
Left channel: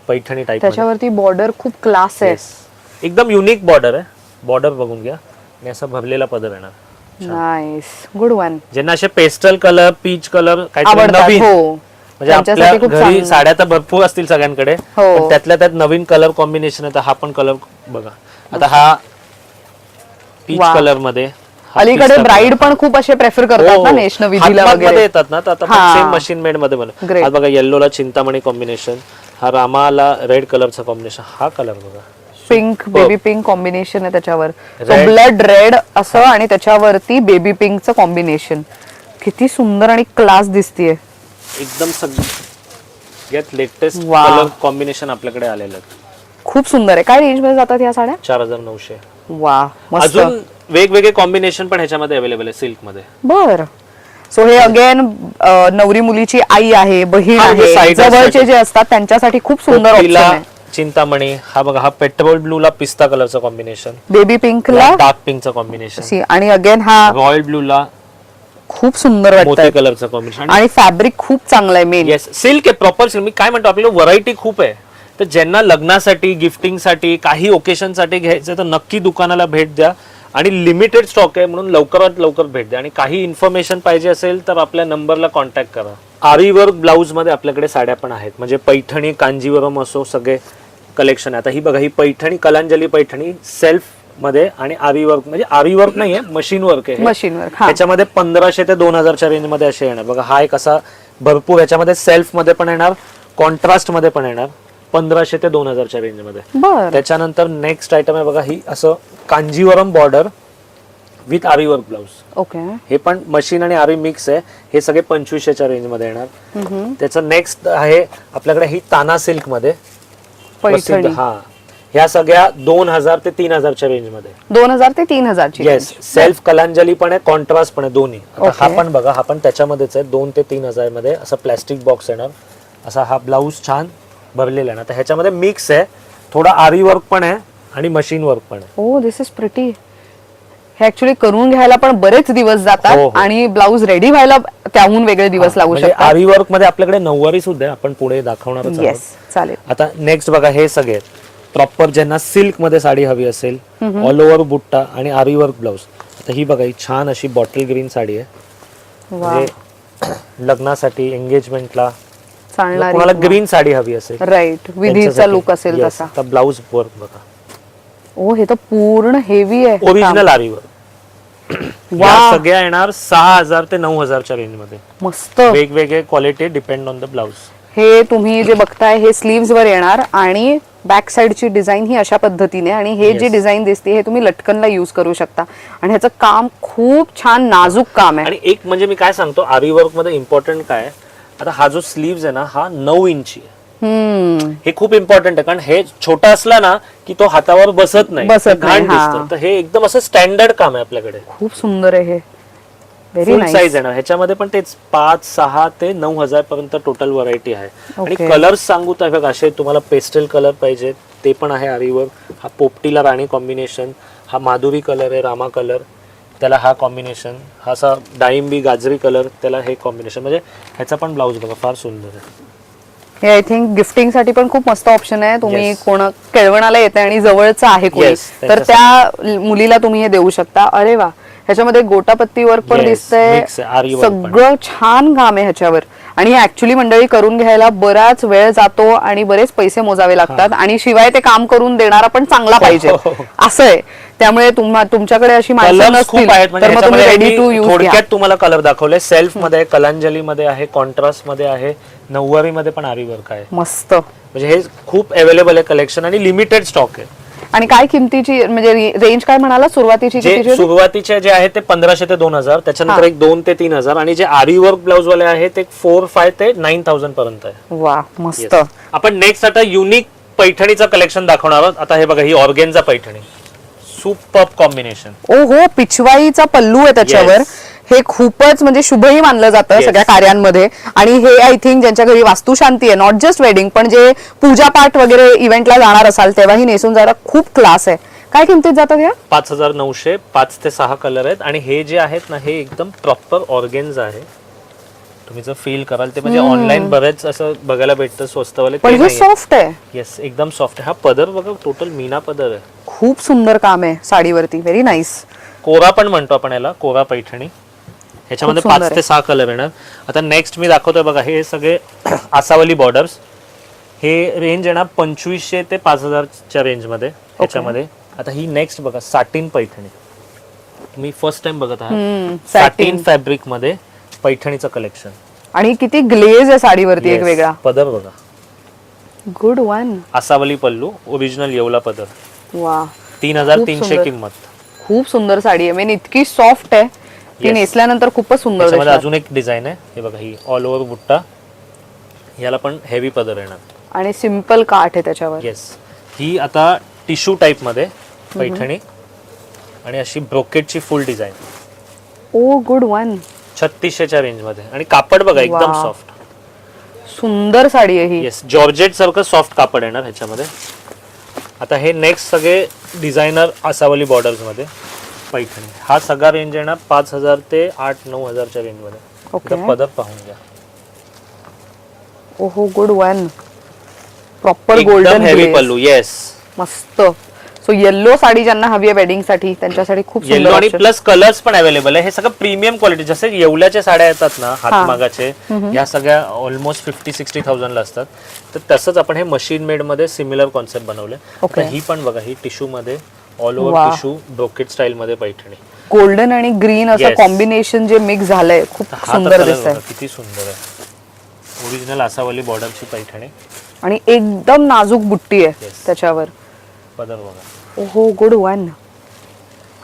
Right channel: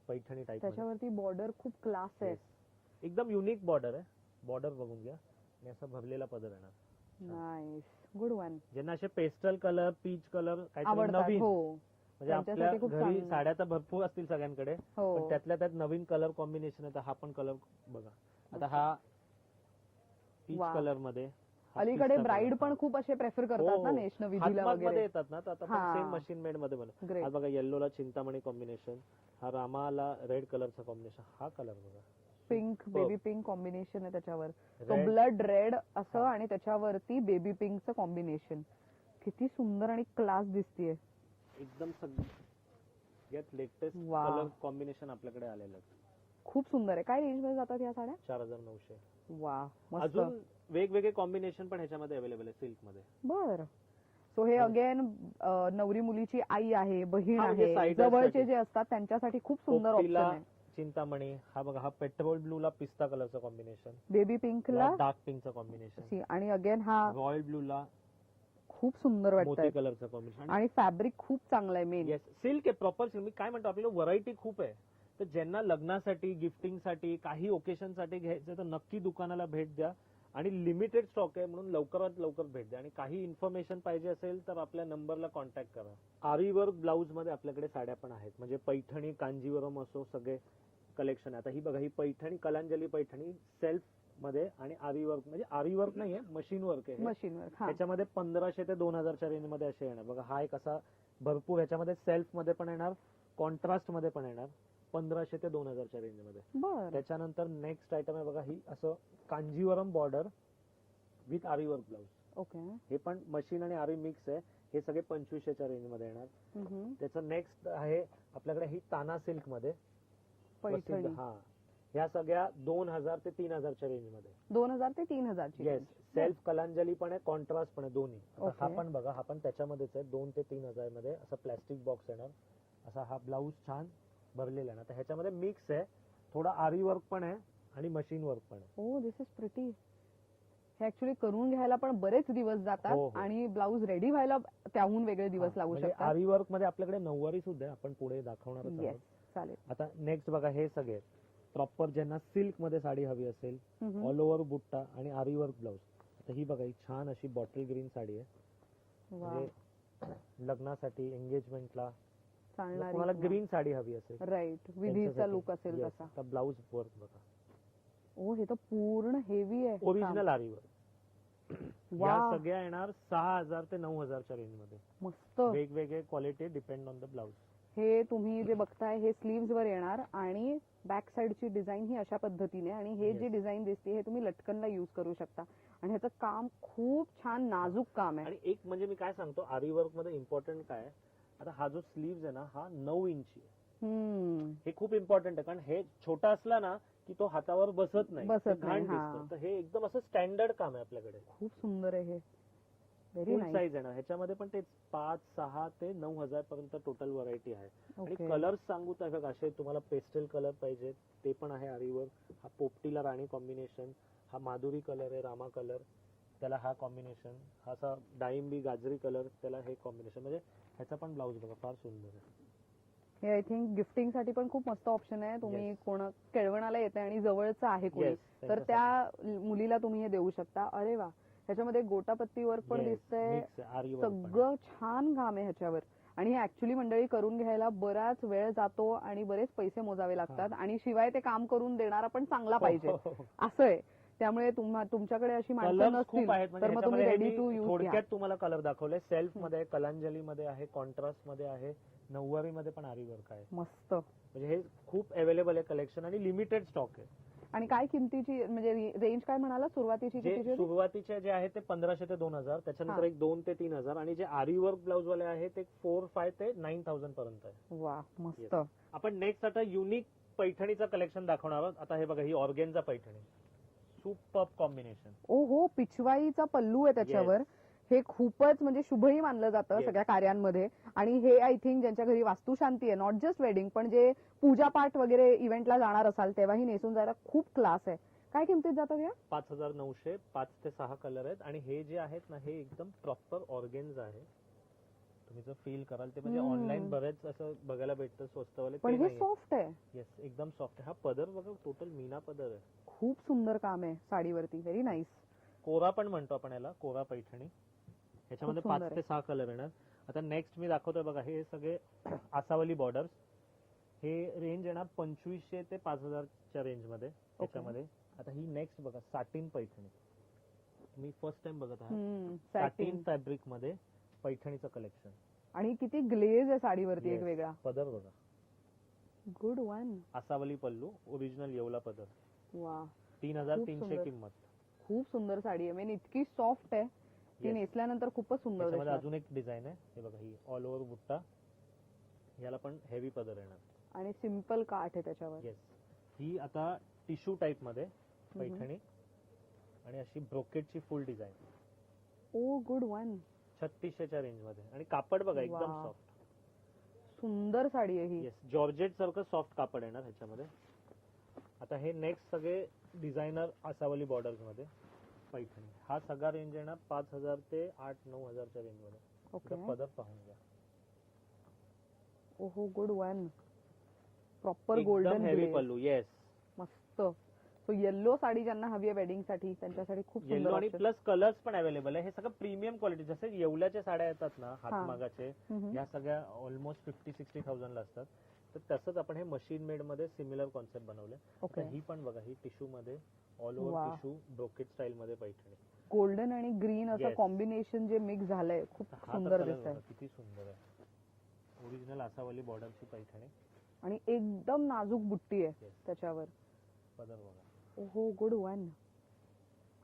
पैठणी टाइप. त्याच्यावरती बॉर्डर खूप क्लास आहे. एकदम युनिक बॉर्डर आहे. बॉर्डर बघून घ्या, आणि असा भरलेला पदर येणार. नाईस. Good one. ज्यांना असे पेस्टल कलर, पीच कलर, काहीतरी आवडतात. नवीन, हो. म्हणजे आपल्या त्यांच्यासाठी खूप घरी चांगलं. साड्या तर भरपूर असतील सगळ्यांकडे, हो. पण त्यातल्या त्यात नवीन कलर कॉम्बिनेशन आहे. तर हा पण कलर बघा, आता हा पीच वा. कलर मध्ये, हा अलीकडे पिस्ता ब्राईड color. पण खूप असे प्रेफर करतात हो, ना हो. नेशन विधीला हातमागमध्ये वगैरे. येतात ना, तर आता हा. सेम मशीन मेड मध्ये बनव. Great. हा बघा येल्लोला चिंतामणी कॉम्बिनेशन, हा रामाला रेड कलरचा कॉम्बिनेशन, हा कलर बघा पिंक बेबी पिंक कॉम्बिनेशन आहे त्याच्यावर, Red. ब्लड रेड असं आणि त्याच्यावरती बेबी पिंकचं कॉम्बिनेशन. किती सुंदर आणि क्लास दिसतीये. एकदम सगळ्यात लेटेस्ट वा. कलर कॉम्बिनेशन आपल्याकडे आलेलं आहे. खूप सुंदर आहे. काय रेंज मध्ये जातात या साड्या? 4900. वा मस्त. अजून वेगवेगळे कॉम्बिनेशन पण ह्याच्यामध्ये अवेलेबल आहे सिल्क मध्ये. बर. सो हे अगेन नवरी मुलीची आई आहे, बहीण हा, म्हणजे आहे, side by जवळचे side. जे असतात त्यांच्यासाठी खूप सुंदर ऑप्शन पोपटीला आहे. चिंतामणी, हा बघा हा पेट्रोल ब्लू ला पिस्ता कलरचा कॉम्बिनेशन, बेबी पिंकला डार्क पिंकचा कॉम्बिनेशन, आणि अगेन हा रॉयल ब्लू ला खूप सुंदर मोती वाटतं कलरचा कॉम्बिनेशन. आणि फॅब्रिक खूप चांगलं आहे मेन. येस, सिल्क आहे, प्रॉपर सिल्क. मी काय म्हणतो, आपल्याला व्हरायटी खूप आहे. तर ज्यांना लग्नासाठी, गिफ्टिंगसाठी, काही ओकेशनसाठी घ्यायचं तर नक्की दुकानाला भेट द्या. आणि लिमिटेड स्टॉक आहे म्हणून लवकरात लवकर भेट द्या. आणि काही इन्फॉर्मेशन पाहिजे असेल तर आपल्या नंबरला कॉन्टॅक्ट करा. आरी वर्क ब्लाऊज मध्ये आपल्याकडे साड्या पण आहेत, म्हणजे पैठणी, कांजीवरम असो, सगळे कलेक्शन आहे. आता ही बघा, ही पैठणी, कलांजली पैठणी सेल्फ मध्ये आणि आरी वर्क, म्हणजे आरी वर्क नाहीये, मशीन वर्क आहे. Machine work. त्याच्यामध्ये 1500 ते 2000च्या रेंज मध्ये असे येणार बघा. हा एक असा भरपूर, याच्यामध्ये सेल्फ मध्ये पण येणार, कॉन्ट्रास्ट मध्ये पण येणार, 1500 ते 2000च्या रेंज मध्ये. बर. त्याच्यानंतर नेक्स्ट आयटम आहे बघा, ही असं Kanjeevaram border with aari work blouse. Okay. हे पण मशीन आणि आरी मिक्स आहे. हे सगळे 2500च्या रेंज मध्ये येणार. त्याचं नेक्स्ट आहे आपल्याकडे ही ताना सिल्क मध्ये प्रसिद्ध. पैठणी. हा, ह्या सगळ्या 2000 ते 3000च्या रेंज मध्ये. 2000 ते 3000 ची. येस, सेल्फ कलांजली पण आहे, कॉन्ट्रास्ट पण आहे, दोन्ही. आता हा Okay. पण बघा, हा पण त्याच्यामध्येच आहे. 2 ते 3000 मध्ये असा प्लास्टिक बॉक्स येणार. असा हा ब्लाऊज छान भरलेला आहे ना. तर ह्याच्यामध्ये मिक्स आहे, थोडा आरी वर्क पण आहे आणि मशीन वर्क पण आहे. ओ दिस इज प्रिटी. हे ऍक्च्युली करून घ्यायला पण बरेच दिवस हो, जातात हो. आणि ब्लाऊज रेडी व्हायला त्याहून वेगळे दिवस लागू म्हणजे शकतात. आरी वर्क मध्ये आपल्याकडे नऊवारी सुद्धा आहे, आपण पुढे दाखवणारच आहोत. येस, चालेल. आता नेक्स्ट बघा, हे सगळे प्रॉपर ज्यांना सिल्क मध्ये साडी हवी असेल, ऑल ओव्हर बुट्टा आणि आरी वर्क ब्लाऊज. आता ही बघा, ही छान अशी बॉटल ग्रीन साडी आहे, वा. म्हणजे लग्नासाठी, एंगेजमेंटला, चालणारी. कोणाला ग्रीन साडी हवी असेल, राईट, विधीचा त्यांच्यासाठी. लुक असेल Yes. तसा. आता ब्लाऊज वर्क बघा, ओ हे तर पूर्ण हेवी आहे. ओरिजिनल आरी वर्क. वा. या सगळ्या येणार 6000 ते 9000च्या रेंज मध्ये. मस्त. वेगवेगळे quality depend on the blouse. हे तुम्ही जे बघताय हे स्लीव्स वर येणार आणि बॅक साइडची डिझाईन ही अशा पद्धतीने, आणि हे जी Yes. डिझाईन दिसते हे तुम्ही लटकनला यूज करू शकता. आणि ह्याचं काम खूप छान नाजूक काम आहे. आणि एक म्हणजे मी काय सांगतो, आरी वर्क मध्ये इम्पॉर्टंट काय आहे, आता हा जो स्लीव्स आहे ना, हा 9 इंची आहे. हे खूप इम्पॉर्टंट आहे, कारण हे छोटा असला ना की तो हातावर बसत नाही, बसत घाण नाही, हा. दिसतं. तर हे एकदम असं स्टँडर्ड काम आहे आपल्याकडे. खूप सुंदर आहे हे. व्हेरी फुल नाईस. साईज येणार ह्याच्यामध्ये पण. तेच 5, 6 ते 9000 पर्यंत टोटल व्हरायटी आहे. आणि Okay. कलर्स सांगू तर बघा, असे तुम्हाला पेस्टल कलर पाहिजे ते पण आहे आरीवर. हा पोपटीला राणी कॉम्बिनेशन, हा माधुरी कलर आहे, रामा कलर, त्याला हा कॉम्बिनेशन, हा असा डाळिंबी गाजरी कलर, त्याला हे कॉम्बिनेशन. म्हणजे ह्याचा पण ब्लाऊज बघा, फार सुंदर आहे. हे आय थिंक गिफ्टिंग साठी पण खूप मस्त ऑप्शन आहे. तुम्ही Yes. कोण केळवणाला येते आणि जवळचं आहे कोणी, Yes, तर त्या मुलीला तुम्ही हे देऊ शकता. अरे वा, ह्याच्यामध्ये गोटापत्ती वर्क पण Yes, दिसतंय, mix आहे, आरी वर्क पण. सगळं छान काम आहे ह्याच्यावर. आणि हे ऍक्च्युली मंडळी करून घ्यायला बराच वेळ जातो आणि बरेच पैसे मोजावे लागतात, आणि शिवाय ते काम करून देणारा पण चांगला पाहिजे, असं आहे. त्यामुळे तुमच्याकडे अशी माणसं कलर्स नसतील खूप आहेत. तर मग तुम्ही म्हणजे रेडी टू मी यूज थोडक्यात तुम्हाला कलर दाखवले. सेल्फ मध्ये, कलांजली मध्ये आहे, कॉन्ट्रास्ट मध्ये आहे, नऊवारी मध्ये पण आरी वर्क आहे. मस्त. म्हणजे हे खूप अवेलेबल आहे कलेक्शन आणि लिमिटेड स्टॉक आहे. आणि काय किमतीची, म्हणजे रेंज काय म्हणाला सुरुवातीची जे कितीची होती? सुरुवातीचे जे आहे ते 1500 ते 2000, त्याच्यानंतर हा. एक 2 ते 3000, आणि जे आरी वर्क ब्लाऊज वाले आहेत ते 4, 5 ते 9000 पर्यंत आहे. वा मस्त. Yes. आपण नेक्स्ट आता युनिक पैठणीचं कलेक्शन दाखवणार आहोत. आता हे बघा, ही ऑर्गेन्झा पैठणी, सुपर कॉम्बिनेशन. ओ हो, पिछवाईचा पल्लू आहे त्याच्यावर. Yes. हे खूपच म्हणजे शुभही मानलं जातं Yes. सगळ्या कार्यांमध्ये. आणि हे आय थिंक ज्यांच्या घरी वास्तुशांती आहे, नॉट जस्ट वेडिंग, पण जे पूजापाठ वगैरे इव्हेंटला जाणार असाल तेव्हाही नेसून जायला खूप क्लास आहे. काय किमतीत जातात या? 5900, 5 ते 6 कलर आहेत. आणि हे जे आहेत ना, हे एकदम प्रॉपर ऑर्गेन्झा आहे. तुम्ही जर फील कराल ते, म्हणजे ऑनलाईन बरेच असं बघायला भेटतं स्वस्तवाले, पण हे सॉफ्ट आहे. येस, एकदम सॉफ्ट आहे. हा पदर बघा, टोटल मीना पदर आहे. खूप सुंदर काम आहे साडीवरती. Very nice. कोरा पण म्हणतो आपण याला, कोरा पैठणी. ह्याच्यामध्ये खूप सुंदर 5 ते 6 कलर येणार. आता नेक्स्ट मी दाखवतोय बघा, हे सगळे आसावली बॉर्डर्स. हे रेंज येणार 2500 ते 5000च्या रेंजमध्ये ह्याच्यामध्ये. आता ही नेक्स्ट बघा, साटिन पैठणी. मी फर्स्ट टाइम बघत आहात साटिन फॅब्रिक मध्ये पैठणीचं कलेक्शन. आणि किती ग्लेज आहे साडीवरती एक वेगळा. पदर बघा, गुड वन. आसावली पल्लू, ओरिजिनल येवला पदर. वा, 3300 किंमत. खूप सुंदर साडी आहे. मेन इतकी सॉफ्ट आहे ती नेसल्यानंतर खूपच सुंदर त्याच्यामध्ये दिसणार. अजून एक डिझाईन आहे, हे बघा, ही ऑल ओव्हर बुट्टा. याला पण हेवी पदर येणार आणि सिंपल काठ आहे त्याच्यावर. येस. ही आता टिश्यू टाइप मध्ये पैठणी आणि अशी ब्रोकेटची फुल डिझाईन. ओ गुड वन. 3600च्या रेंज मध्ये. आणि कापड बघा एकदम वा. सॉफ्ट. सुंदर साडी आहे ही. येस, जॉर्जेट सारखं सॉफ्ट कापड येणार ह्याच्यामध्ये. आता हे नेक्स्ट सगळे डिझायनर आसावली बॉर्डर्स मध्ये पैठणी. हा सगळा रेंज येणार 5000 ते 8-9000च्या रेंज मध्ये. ओके. आता पदर पाहून घ्या. ओहो, गुड वन. प्रॉपर एकदम गोल्डन हेवी पल्लू. येस, मस्त. सो येल्लो साडी ज्यांना हवी आहे वेडिंग साठी त्यांच्यासाठी खूप येलो सुंदर आणि option. प्लस कलर्स पण अवेलेबल आहे. हे सगळं प्रीमियम क्वालिटी. जसे येवल्याच्या साड्या येतात ना हातमागाचे, या सगळ्या ऑलमोस्ट 50-60,000 ला असतात. तर तसंच आपण हे मशीन मेड मध्ये सिमिलर कॉन्सेप्ट बनवले. Okay. ही पण बघा, ही टिश्यू मध्ये all over tissue brocade style मध्ये पैठणी. गोल्डन आणि ग्रीन असं Yes. कॉम्बिनेशन जे मिक्स झालंय खूप हा तर सुंदर कलर दिसतंय. बघा, किती सुंदर आहे. ओरिजिनल आसावली बॉर्डरची पैठणी. आणि एकदम नाजूक बुट्टी आहे Yes. त्याच्यावर. पदर बघा. ओहो, गुड वन.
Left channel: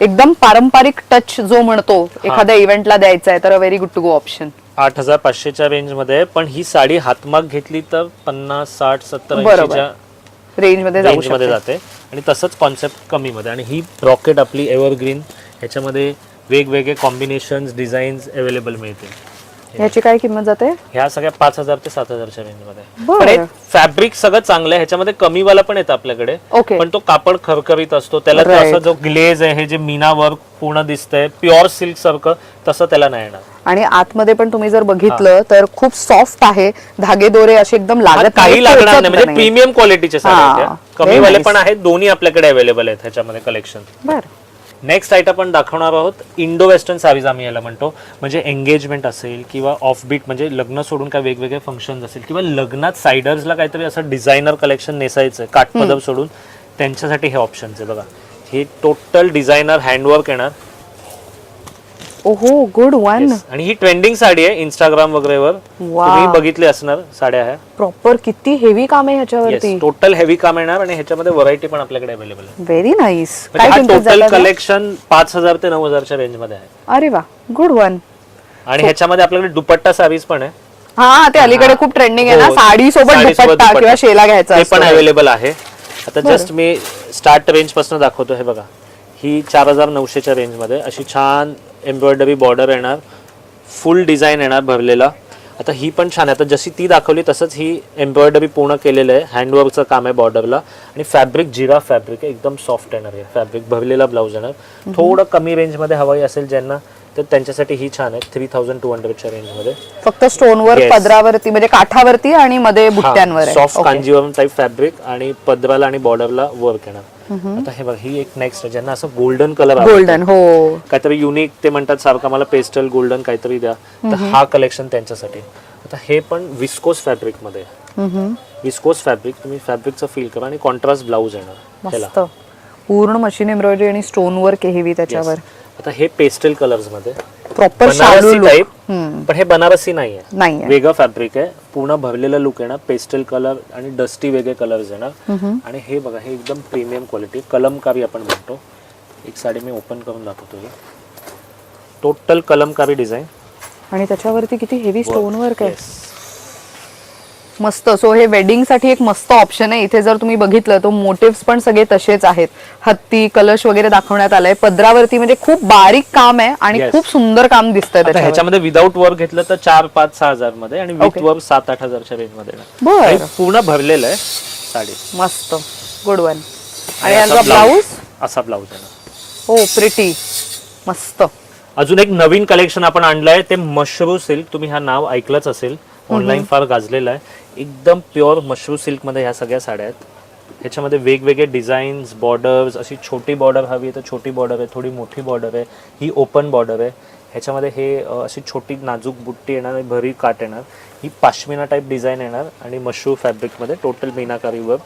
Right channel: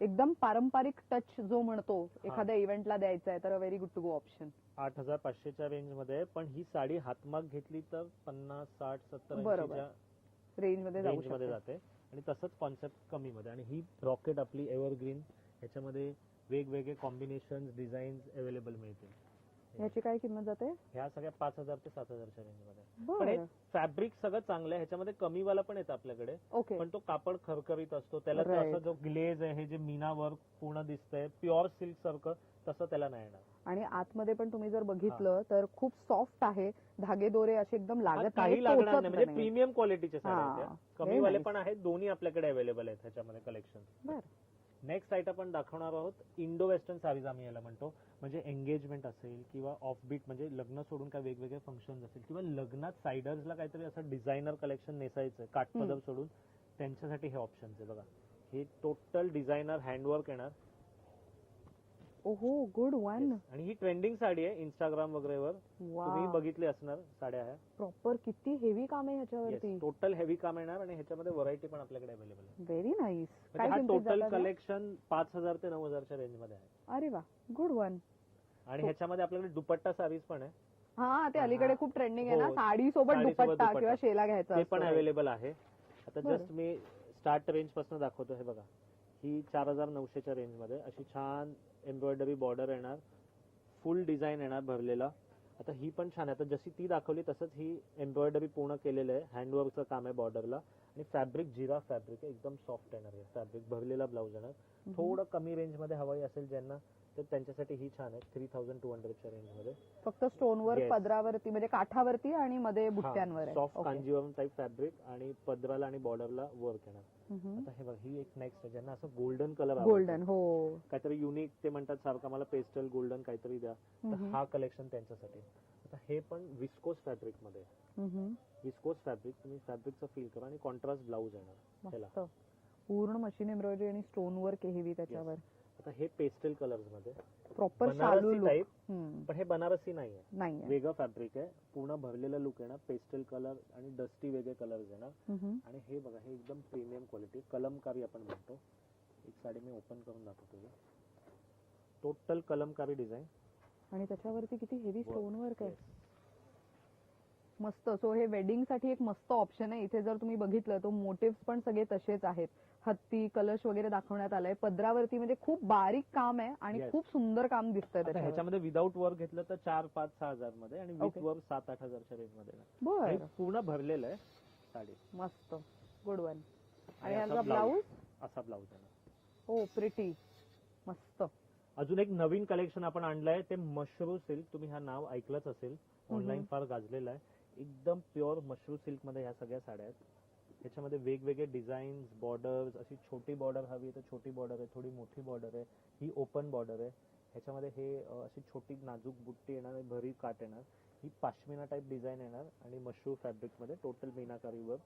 एकदम पारंपरिक टच जो म्हणतो एखाद्या इव्हेंटला द्यायचा आहे तर very good to go option. 8500च्या रेंज मध्ये. पण ही साडी हातमाग घेतली तर 50, 60, 70, बरोबर. 80च्या रेंज मध्ये जाऊ रेंज मध्ये शकते. जाते. आणि तसंच कॉन्सेप्ट कमी मध्ये. आणि ही रॉकेट आपली एव्हरग्रीन, ह्याच्यामध्ये वेगवेगळे कॉम्बिनेशन्स डिझाईन्स अवेलेबल मिळतील. ह्याची काय किंमत जाते? ह्या सगळ्या 5000 ते 7000च्या रेंज मध्ये. बरं. पण फॅब्रिक सगळं चांगलं आहे. ह्याच्यामध्ये कमी वाला पण येतं आपल्याकडे. ओके. पण तो कापड खरखरीत असतो. त्याला तो Right. असं जो ग्लेज आहे, हे जे मीना वर्क पूर्ण दिसतंय प्युअर सिल्क सारखं, तसं त्याला नाही येणार. आणि आतमध्ये पण तुम्ही जर बघितलं तर खूप सॉफ्ट आहे. धागे दोरे असे एकदम लागत काही नाहीत, लागणार टोचत नाही. म्हणजे प्रीमियम क्वालिटीचे साड्या आहेत हा. त्या. कमी वाले Very पण आहेत, दोन्ही आपल्याकडे अवेलेबल आहेत ह्याच्यामध्ये कलेक्शन. बरं. नेक्स्ट आयटम आपण दाखवणार आहोत इंडो वेस्टर्न साडीज आम्ही याला म्हणतो. म्हणजे एंगेजमेंट असेल किंवा ऑफ बीट, म्हणजे लग्न सोडून काय वेगवेगळे फंक्शन असेल किंवा लग्नात सायडर्सला काहीतरी असं डिझायनर कलेक्शन नेसायचं आहे काठपदर सोडून, त्यांच्यासाठी हे ऑप्शन आहे बघा. हे टोटल डिझायनर हँडवर्क येणार. ओहो, गुड वन. Yes. आणि ही ट्रेंडिंग साडी आहे इंस्टाग्राम वगैरेवर वा. तुम्ही बघितली असणार साड्या ह्या. प्रॉपर किती हेवी काम आहे ह्याच्यावरती. टोटल हेवी काम येणार आणि ह्याच्यामध्ये व्हरायटी पण आपल्याकडे अवेलेबल आहे. Very nice. म्हणजे काय हा किंमत टोटल जाते? कलेक्शन 5000 ते 9000च्या रेंज मध्ये आहे. अरे वा, गुड वन. आणि ह्याच्यामध्ये आपल्याकडे दुपट्टा साडीज पण आहे. हा, ते अलीकडे खूप ट्रेंडिंग आहे ना, हो. साडी सोबत साडीसोबत दुपट्टा किंवा शेला घ्यायचा ते असतो. पण अवेलेबल आहे. आता जस्ट मी स्टार्ट रेंज पासून दाखवतो. हे बघा, ही 4900च्या रेंज मध्ये अशी छान एम्ब्रॉयडरी बॉर्डर येणार, फुल डिझाईन येणार भरलेला. आता ही पण छान आहे. आता जशी ती दाखवली तसंच ही एम्ब्रॉयडरी पूर्ण केलेलं आहे. हँडवर्कचं काम आहे बॉर्डरला. आणि फॅब्रिक जिरा फॅब्रिक आहे, एकदम सॉफ्ट येणार आहे फॅब्रिक. भरलेला ब्लाऊज येणार. थोडं कमी रेंज मध्ये हवाई असेल ज्यांना, तर त्यांच्यासाठी ही छान आहे 3200च्या रेंज मध्ये. फक्त स्टोनवर, Yes. पदरावरती म्हणजे काठावरती आणि मध्ये बुट्ट्यांवर आहे. Soft Okay. Kanjeevaram type fabric आणि पदराला आणि बॉर्डरला वर्क येणार. आता हे बघा, ही एक नेक्स्ट ज्यांना असं गोल्डन कलर गोल्डन. हो, काहीतरी युनिक, ते म्हणतात सारखं मला पेस्टल गोल्डन काहीतरी द्या, तर हा कलेक्शन त्यांच्यासाठी. आता हे पण विस्कोस फॅब्रिक मध्ये. विस्कोस फॅब्रिक, तुम्ही फॅब्रिकचं फील करा. आणि कॉन्ट्रास्ट ब्लाऊज येणार ह्याला. मस्त. पूर्ण मशीन एम्ब्रॉयडरी आणि स्टोन वर्क हेवी त्याच्यावर. आता हे पेस्टल कलर्स मध्ये प्रॉपर बनारसी टाइप, पण हे बनारसी नाहीये, नाहीये. वेगळं फॅब्रिक आहे. पूर्ण भरलेला लुक येणार. पेस्टल कलर आणि डस्टी वेगळे कलर्स येणार. आणि हे बघा, हे एकदम प्रीमियम क्वालिटी कलमकारी आपण म्हणतो. एक साडी मी ओपन करून दाखवतो. टोटल कलमकारी डिझाईन आणि त्याच्यावरती किती हेवी स्टोन वर्क आहे. मस्त. सो हे वेडिंग साठी एक मस्त ऑप्शन आहे. इथे जर तुम्ही बघितलं तर मोटिव्स पण सगळे तसेच आहेत. हत्ती, कलश वगैरे दाखवण्यात आलंय. पदरावरती म्हणजे खूप बारीक काम आहे आणि Yes. खूप सुंदर काम दिसतंय आता त्याच्यावर. ह्याच्यामध्ये विदाऊट वर्क घेतलं तर 4-5-6 मध्ये आणि विथ Okay. वर्क 7-8 रेंज मध्ये येणार. बरं. आणि पूर्ण भरलेलं आहे साडी. मस्त. Good one. आणि असा याचा ब्लाऊज. असा ब्लाऊज येणार. हो, प्रिटी. मस्त. अजून एक नवीन कलेक्शन आपण आणलंय, ते मशरू सिल्क. तुम्ही हा नाव ऐकलंच असेल, ऑनलाईन फार गाजलेलं आहे. एकदम प्युअर मशरू सिल्क मध्ये ह्या सगळ्या साड्या आहेत. ह्याच्यामध्ये वेगवेगळे डिझाईन्स, बॉर्डर्स. अशी छोटी बॉर्डर हवी तर छोटी बॉर्डर आहे, थोडी मोठी बॉर्डर आहे, ही ओपन बॉर्डर आहे. ह्याच्यामध्ये हे अशी छोटी नाजूक बुट्टी येणार आणि भरी काट येणार. ही पाश्मिना टाईप डिझाईन येणार आणि मशरू फॅब्रिकमध्ये टोटल मीनाकारी वर्क.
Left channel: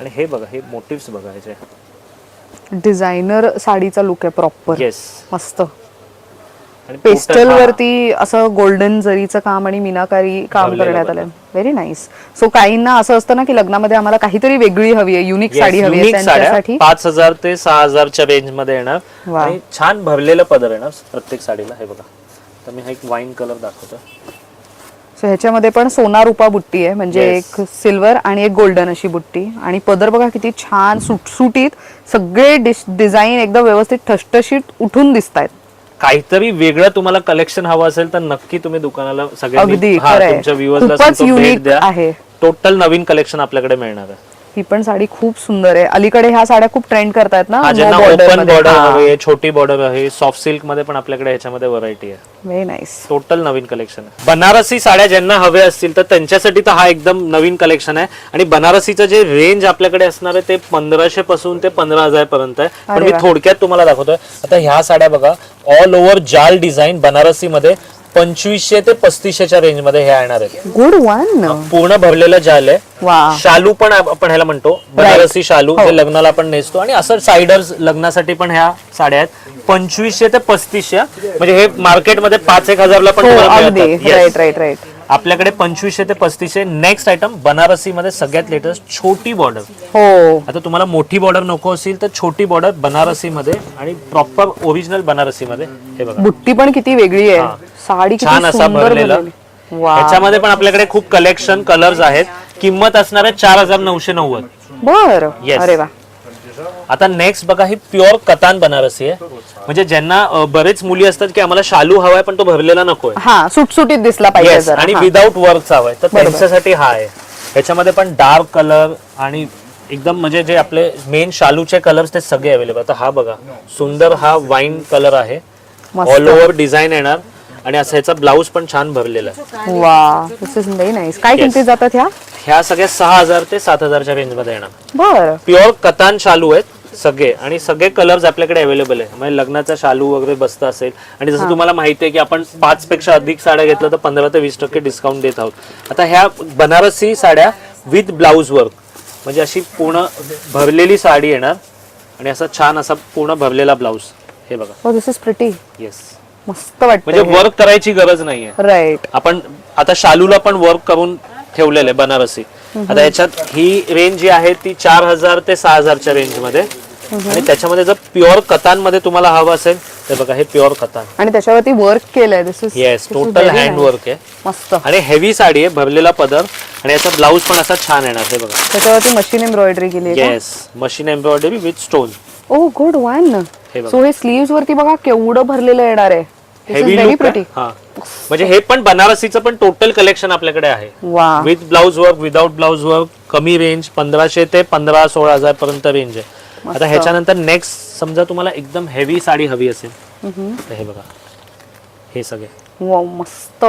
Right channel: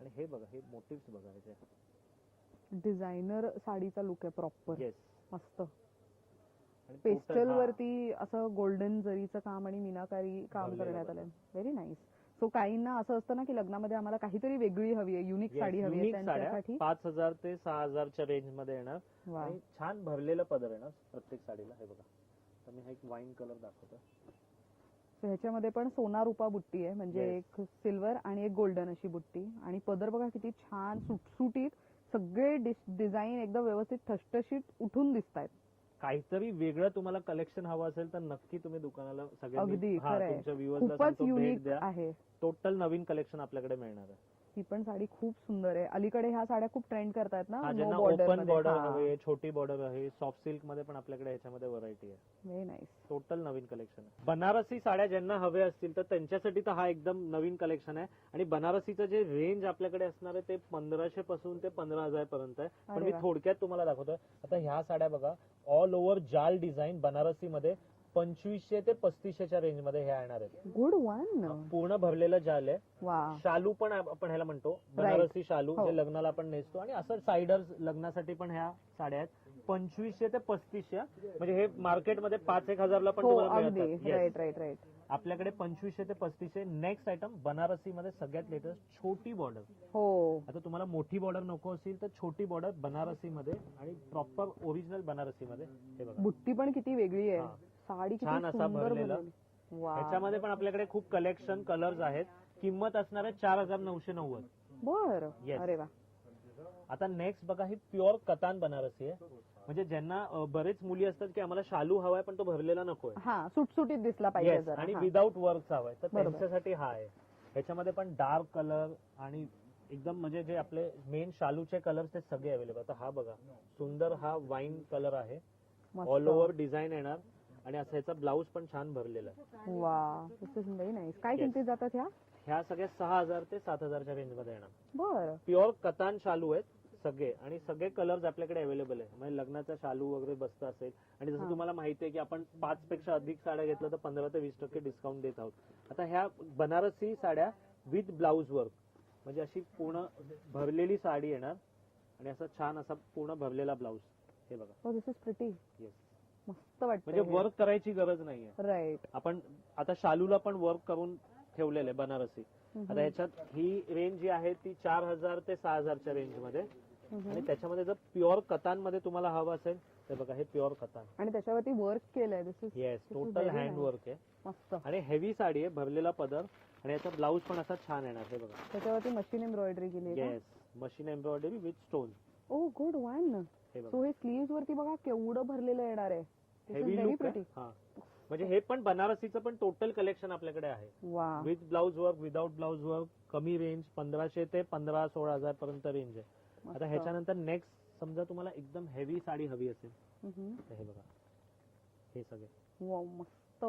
आणि हे बघा, हे मोटिव्स बघा ह्याचे. डिझायनर साडीचा लुक आहे प्रॉपर. येस. मस्त. पेस्टल वरती असं गोल्डन जरीचं काम आणि मीनाकारी काम करण्यात आलंय. Very nice. सो काहींना असं असतं ना की लग्नामध्ये आम्हाला काहीतरी वेगळी हवी आहे, युनिक साडी हवी आहे, त्यांच्यासाठी 5000 ते 6000च्या रेंज मध्ये येणार आणि छान भरलेलं पदर येणार प्रत्येक साडीला. हे बघा, तर मी हा एक वाईन कलर दाखवतो. सो ह्याच्यामध्ये पण सोना रुपा बुट्टी आहे, म्हणजे एक सिल्वर आणि एक गोल्डन अशी बुट्टी. आणि पदर बघा किती छान सुटसुटीत, सगळे डिझाईन एकदम व्यवस्थित ठसठशीत उठून दिसत आहेत. काहीतरी वेगळं तुम्हाला कलेक्शन हवं असेल तर नक्की तुम्ही दुकानाला अगदी सगळ्यांनी तुमच्या व्ह्युअर्सला भेट द्या. टोटल नवीन कलेक्शन आपल्याकडे मिळणार आहे. ही पण साडी खूप सुंदर आहे. अलीकडे ह्या साड्या खूप ट्रेंड करतायत ना. ज्यांना ओपन बॉर्डर हवे, छोटी बॉर्डर आहे, सॉफ्ट सिल्क मध्ये पण आपल्याकडे ह्याच्यामध्ये व्हरायटी आहे. Very nice. टोटल नवीन कलेक्शन आहे. बनारसी साड्या ज्यांना हवे असतील तर त्यांच्यासाठी तर हा एकदम नवीन कलेक्शन आहे. आणि बनारसीचं जे रेंज आपल्याकडे असणार आहे ते 1500 पासून ते 15000 पर्यंत आहे. पण मी थोडक्यात तुम्हाला दाखवतोय. आता ह्या साड्या बघा, ऑल ओव्हर जाल डिझाईन बनारसी मध्ये 2500 ते 3500च्या रेंज मध्ये हे येणार आहे. Good one. पूर्ण भरलेलं जाल आहे. शालू पण आपण ह्याला म्हणतो, बनारसी शालू, जे लग्नाला आपण नेसतो. आणि असं साइडर्स लग्नासाठी पण ह्या साड्या आहेत. 2500 ते 3500, म्हणजे हे मार्केटमध्ये 5-1000 ला पण राईट राईट राईट. आपल्याकडे 2500 ते 3500. नेक्स्ट आयटम बनारसी मध्ये सगळ्यात लेटेस्ट छोटी बॉर्डर. हो, आता तुम्हाला मोठी बॉर्डर नको असेल तर छोटी बॉर्डर बनारसी मध्ये आणि प्रॉपर ओरिजिनल बनारसी मध्ये. हे बघा, बुट्टी पण किती वेगळी आहे. साडी छान असा भरलेला. ह्याच्यामध्ये पण आपल्याकडे खूप कलेक्शन कलर्स आहेत. किंमत असणार आहे 4990. बर. अरे वा. आता नेक्स्ट बघा, ही प्युअर कतान बनारसी आहे. म्हणजे ज्यांना बरेच मुली असतात की आम्हाला शालू हवाय पण तो भरलेला नकोय, हा सुटसुटीत दिसला पाहिजे आणि विदाऊट वर्कचा हवाय, तर त्यांच्यासाठी हा आहे. ह्याच्यामध्ये पण डार्क कलर आणि एकदम म्हणजे जे आपले मेन शालूचे कलर्स ते सगळे अवेलेबल. आता हा बघा, सुंदर हा वाईन कलर आहे. ऑल ओव्हर डिझाईन येणार आणि असं ह्याचा ब्लाऊज पण छान भरलेला आहे. वा, दिस इज व्हेरी नाईस. काय किमती जातात ह्या सगळ्या 6000 ते 7000च्या रेंज मध्ये येणार. बर. प्युअर कतान शालू आहेत सगळे आणि सगळे कलर्स आपल्याकडे अवेलेबल आहे. म्हणजे लग्नाचा शालू वगैरे बसता असेल. आणि जसं तुम्हाला माहिती आहे की आपण 5 पेक्षा अधिक साड्या घेतल्या तर 15 ते 20% डिस्काउंट देत आहोत. आता ह्या बनारसी साड्या विथ ब्लाऊज वर्क, म्हणजे अशी पूर्ण भरलेली साडी येणार आणि असा छान असा पूर्ण भरलेला ब्लाऊज. हे बघा, दिस इज प्रिटी. येस, मस्त वाटतं. म्हणजे वर्क करायची गरज नाहीये. राईट. आपण आता शालूला पण वर्क करून ठेवलेलं आहे बनारसी. आता याच्यात ही रेंज जी आहे ती 4000 ते 6000च्या रेंज मध्ये. आणि त्याच्यामध्ये जर प्युअर कतान मध्ये तुम्हाला हवं असेल तर बघा, हे प्युअर कतान आणि त्याच्यावरती वर्क केलंय. This is yes, total hand work आहे. मस्त. आणि हेवी साडी आहे, भरलेला पदर आणि याचा ब्लाऊज पण असा छान येणार. हे बघा, त्याच्यावरती मशीन एम्ब्रॉयडरी केली आहे. Yes, machine embroidery with stone. Oh good one. So हे स्लीव्स वरती बघा केवढं भरलेलं येणार आहे. Heavy look. हा, म्हणजे हे पण बनारसीचं पण टोटल कलेक्शन आपल्याकडे आहे. With blouse work, without blouse work. कमी रेंज 1500 ते 15-16 पर्यंत रेंज आहे. आता ह्याच्यानंतर नेक्स्ट समजा तुम्हाला एकदम हेवी साडी हवी असेल तर हे बघा, हे सगळे मस्त.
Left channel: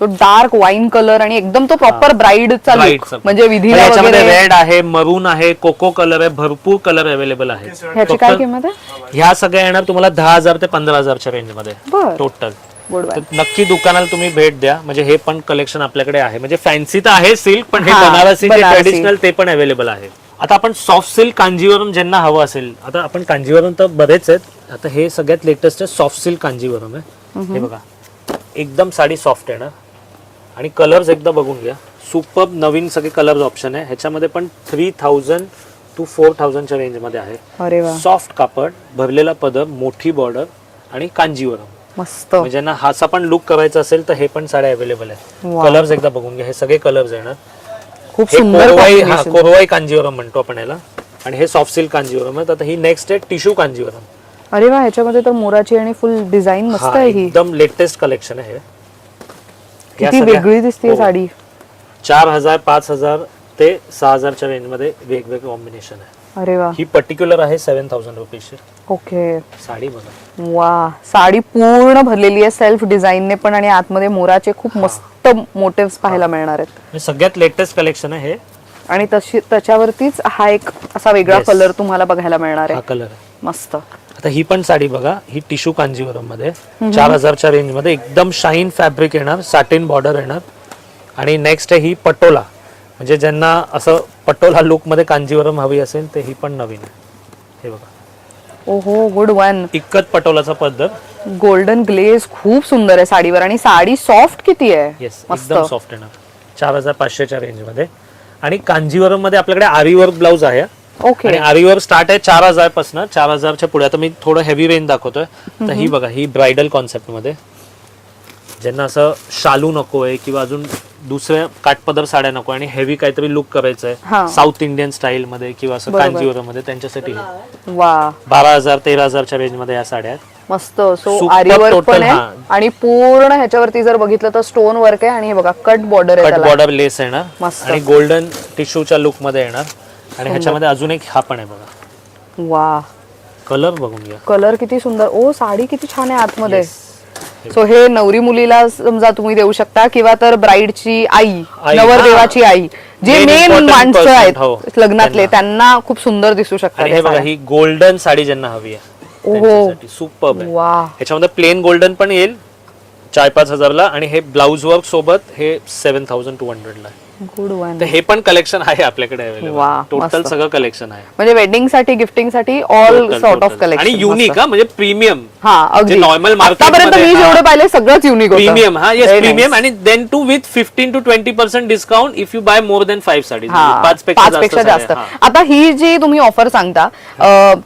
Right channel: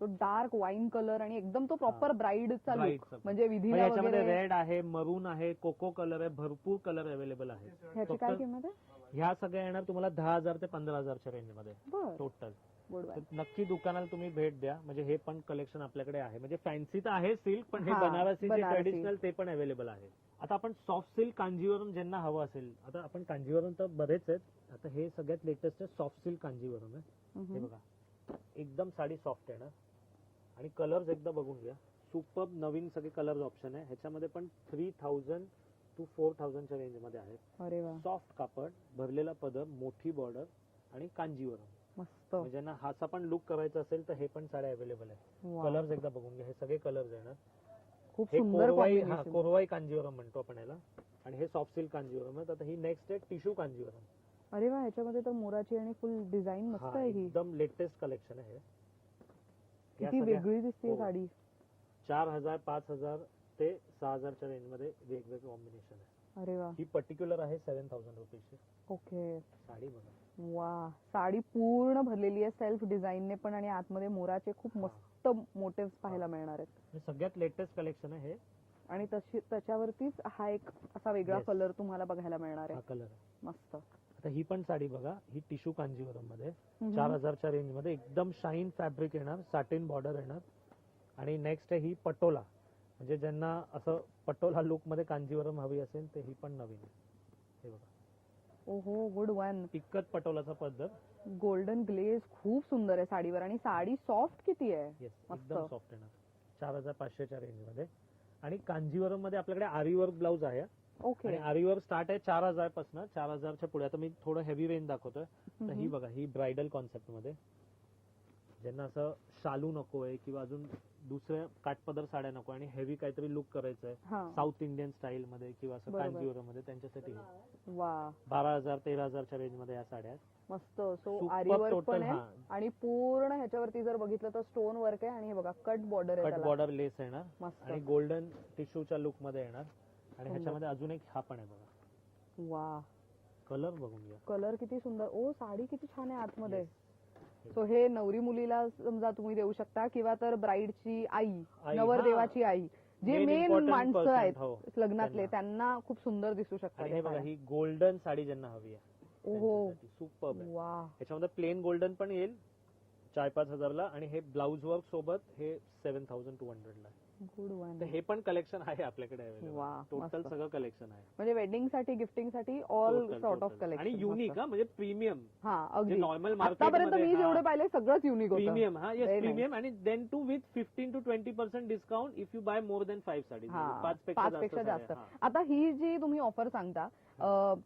तो डार्क वाईन कलर आणि एकदम तो प्रॉपर ब्राईडचा लुक, म्हणजे विधीला वगैरे. रेड आहे, मरून आहे, कोको कलर आहे, भरपूर कलर अवेलेबल आहे. ह्याची काय किंमत आहे? ह्या सगळ्या येणार तुम्हाला 10000 ते 15000च्या रेंज मध्ये टोटल. नक्की दुकानाला तुम्ही भेट द्या. म्हणजे हे पण कलेक्शन आपल्याकडे आहे. म्हणजे फॅन्सी तर आहे सिल्क, पण हे बनारसी ट्रेडिशनल ते पण अवेलेबल आहे. आता आपण सॉफ्ट सिल्क कांजीवरम ज्यांना हवं असेल, आता आपण कांजीवरम तर बरेच आहेत. आता हे सगळ्यात लेटेस्ट आहे सॉफ्ट सिल्क कांजीवरम आहे. हे बघा, एकदम साडी सॉफ्ट आहे ना. आणि कलर्स एकदा बघून घ्या, सुपर नवीन सगळे कलर्स ऑप्शन आहे. ह्याच्यामध्ये पण 3000 to 4000च्या रेंज मध्ये आहे. सॉफ्ट कापड, भरलेला पदर, मोठी बॉर्डर आणि कांजीवरम. मस्त. म्हणजे ज्यांना हाचा पण लुक करायचा असेल तर हे पण साड्या अवेलेबल आहे. कलर्स एकदा बघून घ्या, हे सगळे कलर्स येणार. खूप सुंदर. कोरवाई कांजीवरम म्हणतो आपण याला. आणि हे सॉफ्ट सिल्क कांजीवरम आहे. आता ही नेक्स्ट आहे टिश्यू कांजीवरम. अरे वा, ह्याच्यामध्ये तर मोराची आणि फुल डिझाईन मस्त आहे. ही एकदम लेटेस्ट कलेक्शन आहे. किती वेगळी दिसते साडी. 4000, 5000 ते 6000च्या रेंज मध्ये वेगवेगळे कॉम्बिनेशन आहे. अरे वा. ही पर्टिक्युलर आहे 7000 रुपीची. ओके. साडी बघा, वा, साडी पूर्ण भरलेली आहे सेल्फ डिझाईनने पण आणि आतमध्ये मोराचे खूप मस्त मोटिव्स पाहायला मिळणार आहेत. सगळ्यात लेटेस्ट कलेक्शन आहे हे. आणि त्याच्यावरतीच हा एक असा वेगळा Yes. कलर तुम्हाला बघायला मिळणार हा आहे. कलर आहे. मस्त. आता ही पण साडी बघा, ही टिश्यू कांजीवरम मध्ये 4000च्या रेंज मध्ये एकदम शाईन फॅब्रिक येणार, सॅटिन बॉर्डर येणार. आणि नेक्स्ट आहे ही पटोला, म्हणजे ज्यांना असं पटोला लुक मध्ये कांजीवरम हवी असेल ते ही पण नवीन आहे. हे बघा, ओहो, गुड वन. इक्कत पटोलाचा पद्धत. गोल्डन ग्लेज खूप सुंदर आहे साडीवर आणि साडी सॉफ्ट किती आहे. येस, मस्त. एकदम सॉफ्ट येणार 4500च्या रेंज मध्ये. आणि कांजीवरम मध्ये आपल्याकडे आरी वर्क ब्लाउज आहे. ओके. आणि आरी वर्क स्टार्ट आहे 4000 पासून, 4000च्या पुढे. आता मी थोडं हेवी रेंज दाखवतोय. तर ही बघा, ही ब्रायडल कॉन्सेप्ट मध्ये, ज्यांना असं शालू नकोय किंवा अजून दुसऱ्या काठपदर साड्या नको आणि हेवी काहीतरी लुक करायचंय हा. साऊथ इंडियन स्टाईल मध्ये किंवा असं बरोबर. कांजीवरम मध्ये, त्यांच्यासाठी वा, 12,000 13,000च्या रेंज मध्ये या साड्या आहेत. मस्त. सो Super आरी वर्क total, पण आहे हा. आणि पूर्ण ह्याच्यावरती जर बघितलं तर स्टोन वर्क आहे आणि हे बघा कट बॉर्डर आहे कट त्याला. बॉर्डर लेस येणार मस्त. आणि गोल्डन टिश्यूच्या लुक मध्ये येणार. आणि ह्याच्यामध्ये अजून एक हा पण आहे बघा, वा, कलर बघून घ्या. कलर किती सुंदर. ओ, साडी किती छान आहे आतमध्ये. सो हे नवरी मुलीला समजा तुम्ही देऊ शकता किंवा तर ब्राईडची आई, आई, नवरदेवाची आई, जे Main मेन important माणसं person, आहेत हो, लग्नातले, त्यांना खूप सुंदर दिसू शकतात आणि या हे बघा, साड्या. ही गोल्डन साडी ज्यांना हवी आहे त्यांच्यासाठी सुपर्ब आहे. वा, ह्याच्यामध्ये प्लेन गोल्डन पण येईल 4-5 हजारला आणि हे ब्लाउज वर्क सोबत हे 7200 ला आहे. Good one. तर हे पण कलेक्शन आहे आपल्याकडे अवेलेबल. वा, टोटल मस्त. सगळं कलेक्शन आहे. म्हणजे वेडिंग साठी, गिफ्टिंग साठी all Total, sort of total. Collection. आणि युनिक, म्हणजे प्रीमियम. हा, अगदी. नॉर्मल आतापर्यंत मी जेवढे पाहिले सगळंच युनिक होतं. प्रीमियम. हा, येस, Very प्रीमियम. nice. आणि then too with 15 to 20% discount if you buy more than 5 saris. हा, 5 पेक्षा पेक्षा जास्त. साड्या. हा. आता ही जी तुम्ही ऑफर सांगता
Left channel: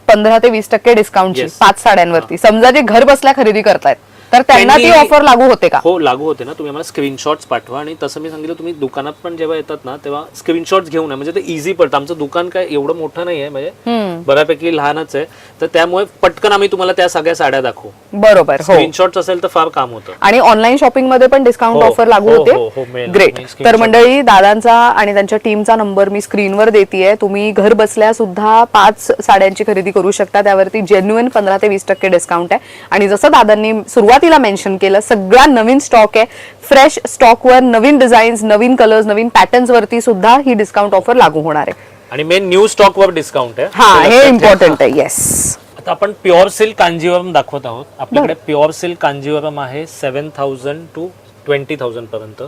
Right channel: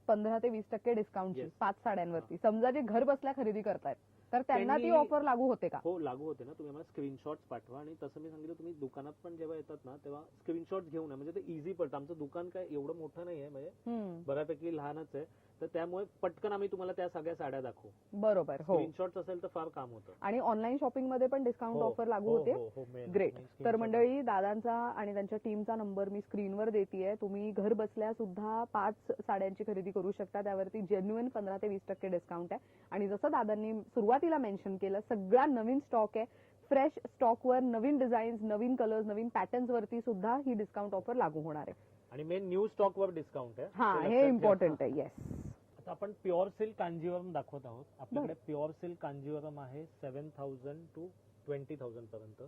15 ते 20% डिस्काउंटची Yes. 5 साड्यांवरती, समजा जे घर बसल्या खरेदी करतायत तर त्यांना ती त्यांनी- ऑफर लागू होते का? हो, लागू होते ना. तुम्ही आम्हाला स्क्रीनशॉट्स पाठवा. आणि तसं मी सांगितलं, तुम्ही दुकानात पण जेव्हा येतात ना तेव्हा स्क्रीनशॉट्स घेऊन या, म्हणजे ते इझी पडतं. आमचं दुकान काय एवढं मोठं नाही आहे, म्हणजे बऱ्यापैकी लहानच आहे. तर त्यामुळे पटकन आम्ही तुम्हाला त्या सगळ्या साड्या दाखवू. बरोबर. हो. स्क्रीनशॉट्स असेल तर फार काम होतं. आणि ऑनलाईन शॉपिंग मध्ये पण डिस्काउंट हो, ऑफर लागू हो, होते. हो, हो, मिळेल. ग्रेट. मी तर screenshot मंडळी, दादांचा आणि त्यांच्या टीमचा नंबर मी स्क्रीनवर देतेय. तुम्ही घर बसल्या सुद्धा 5 साड्यांची खरेदी करू शकता. त्यावरती जेन्युइन 15 ते 20% डिस्काउंट आहे. आणि जसं दादांनी सुरुवातीला मेन्शन केलं, सगळा नवीन स्टॉक आहे. फ्रेश स्टॉकवर नवीन डिझाईन्स, नवीन कलर्स, नवीन पॅटर्न्स वरती सुद्धा ही डिस्काउंट ऑफर लागू होणार आहे. आणि मेन न्यू स्टॉक वर डिस्काउंट आहे. हा, ते हे लक्षात ठेवा. इम्पॉर्टंट आहे. येस. आता आपण प्युअर सिल्क कांजीवरम दाखवत आहोत. आपल्याकडे प्युअर सिल्क कांजीवरम आहे 7000 to 20,000 पर्यंत.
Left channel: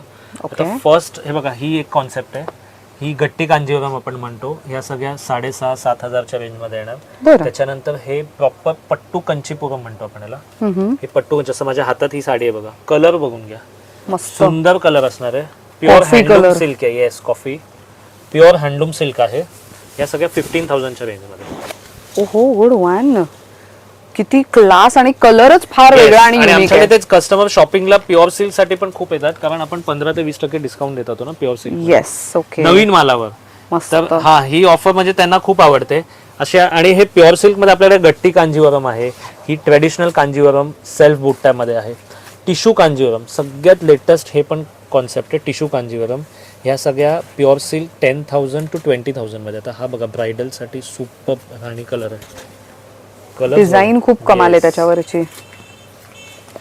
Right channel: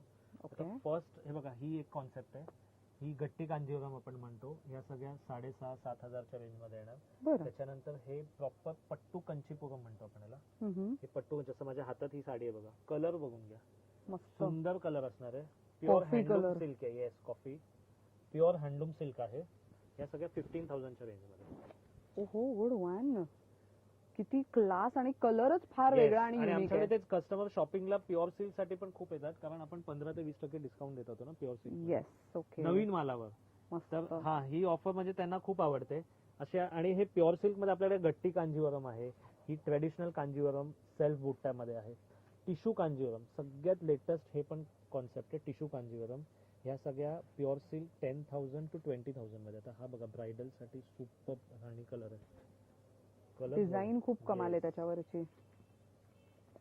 आता फर्स्ट हे बघा, ही एक कॉन्सेप्ट आहे. ही गट्टी कांजीवरम आपण म्हणतो. या सगळ्या 6,500-7 हजारच्या रेंज मध्ये येणार. बरं. त्याच्यानंतर हे प्रॉपर पट्टू कंचीपुरम म्हणतो आपण याला. हे पट्टू, जसं माझ्या हातात ही साडी आहे बघा, कलर बघून घ्या, मस्त. सुंदर कलर असणार आहे. Pure Coffee handloom color. Silk आहे. Yes, coffee. Pure handloom silk आहे. या सगळ्या 15,000च्या रेंज मध्ये. ओहो, गुड वन. किती क्लास आणि कलरच फार Yes. वेगळा आणि आणि युनिक आमच्याकडे आहे. तेच कस्टमर शॉपिंगला प्युअर सिल्क साठी पण खूप येतात, कारण आपण 15 ते 20% डिस्काउंट देत होतो ना प्युअर सिल्क येस. ओके. नवीन मालावर. मस्त. तर हा, ही ऑफर म्हणजे त्यांना खूप आवडते अशा. आणि हे प्युअर सिल्क मध्ये आपल्याकडे गट्टी कांजीवरम आहे. ही ट्रेडिशनल कांजीवरम सेल्फ बुट्ट्यामध्ये आहे. टिश्यू कांजीवरम सगळ्यात लेटेस्ट हे पण कॉन्सेप्ट आहे. टिश्यू कांजीवरम ह्या सगळ्या प्युअर सिल्क 10,000 to 20,000 मध्ये. आता हा बघा, ब्रायडल साठी सुपर राणी कलर आहे. कलर डिझाईन खूप कमाल आहे त्याच्यावरची.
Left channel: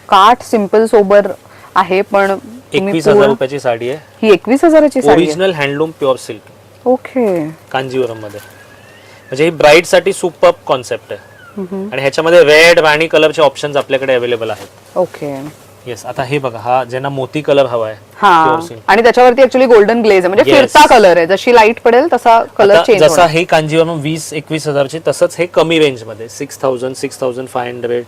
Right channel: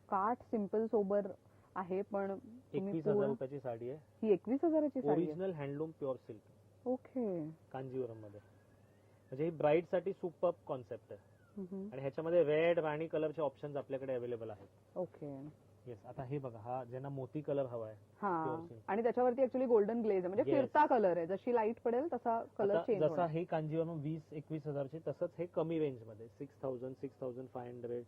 काठ सिंपल सोबर आहे, पण तुम्ही 21,000 रुपयाची साडी आहे. ही 21,000ची साडी आहे. Original handloom pure silk okay. Kanjeevaram मध्ये. म्हणजे ही ब्राईड साठी सुपर कॉन्सेप्ट आहे. आणि ह्याच्यामध्ये रेड, राणी कलरचे ऑप्शन्स आपल्याकडे अवेलेबल आहेत. ओके. येस. आता हे बघा, हा ज्यांना मोती कलर हवा आहे, हा, प्युअर सिल्क. आणि त्याच्यावरती ऍक्च्युअली गोल्डन ग्लेज आहे, म्हणजे Yes. फिरता कलर आहे. जशी लाईट पडेल तसा कलर आता चेंज जसा होणार. हे कांजीवरम 20-21 हजारचे, तसंच हे कमी रेंज मध्ये 6,000, 6,500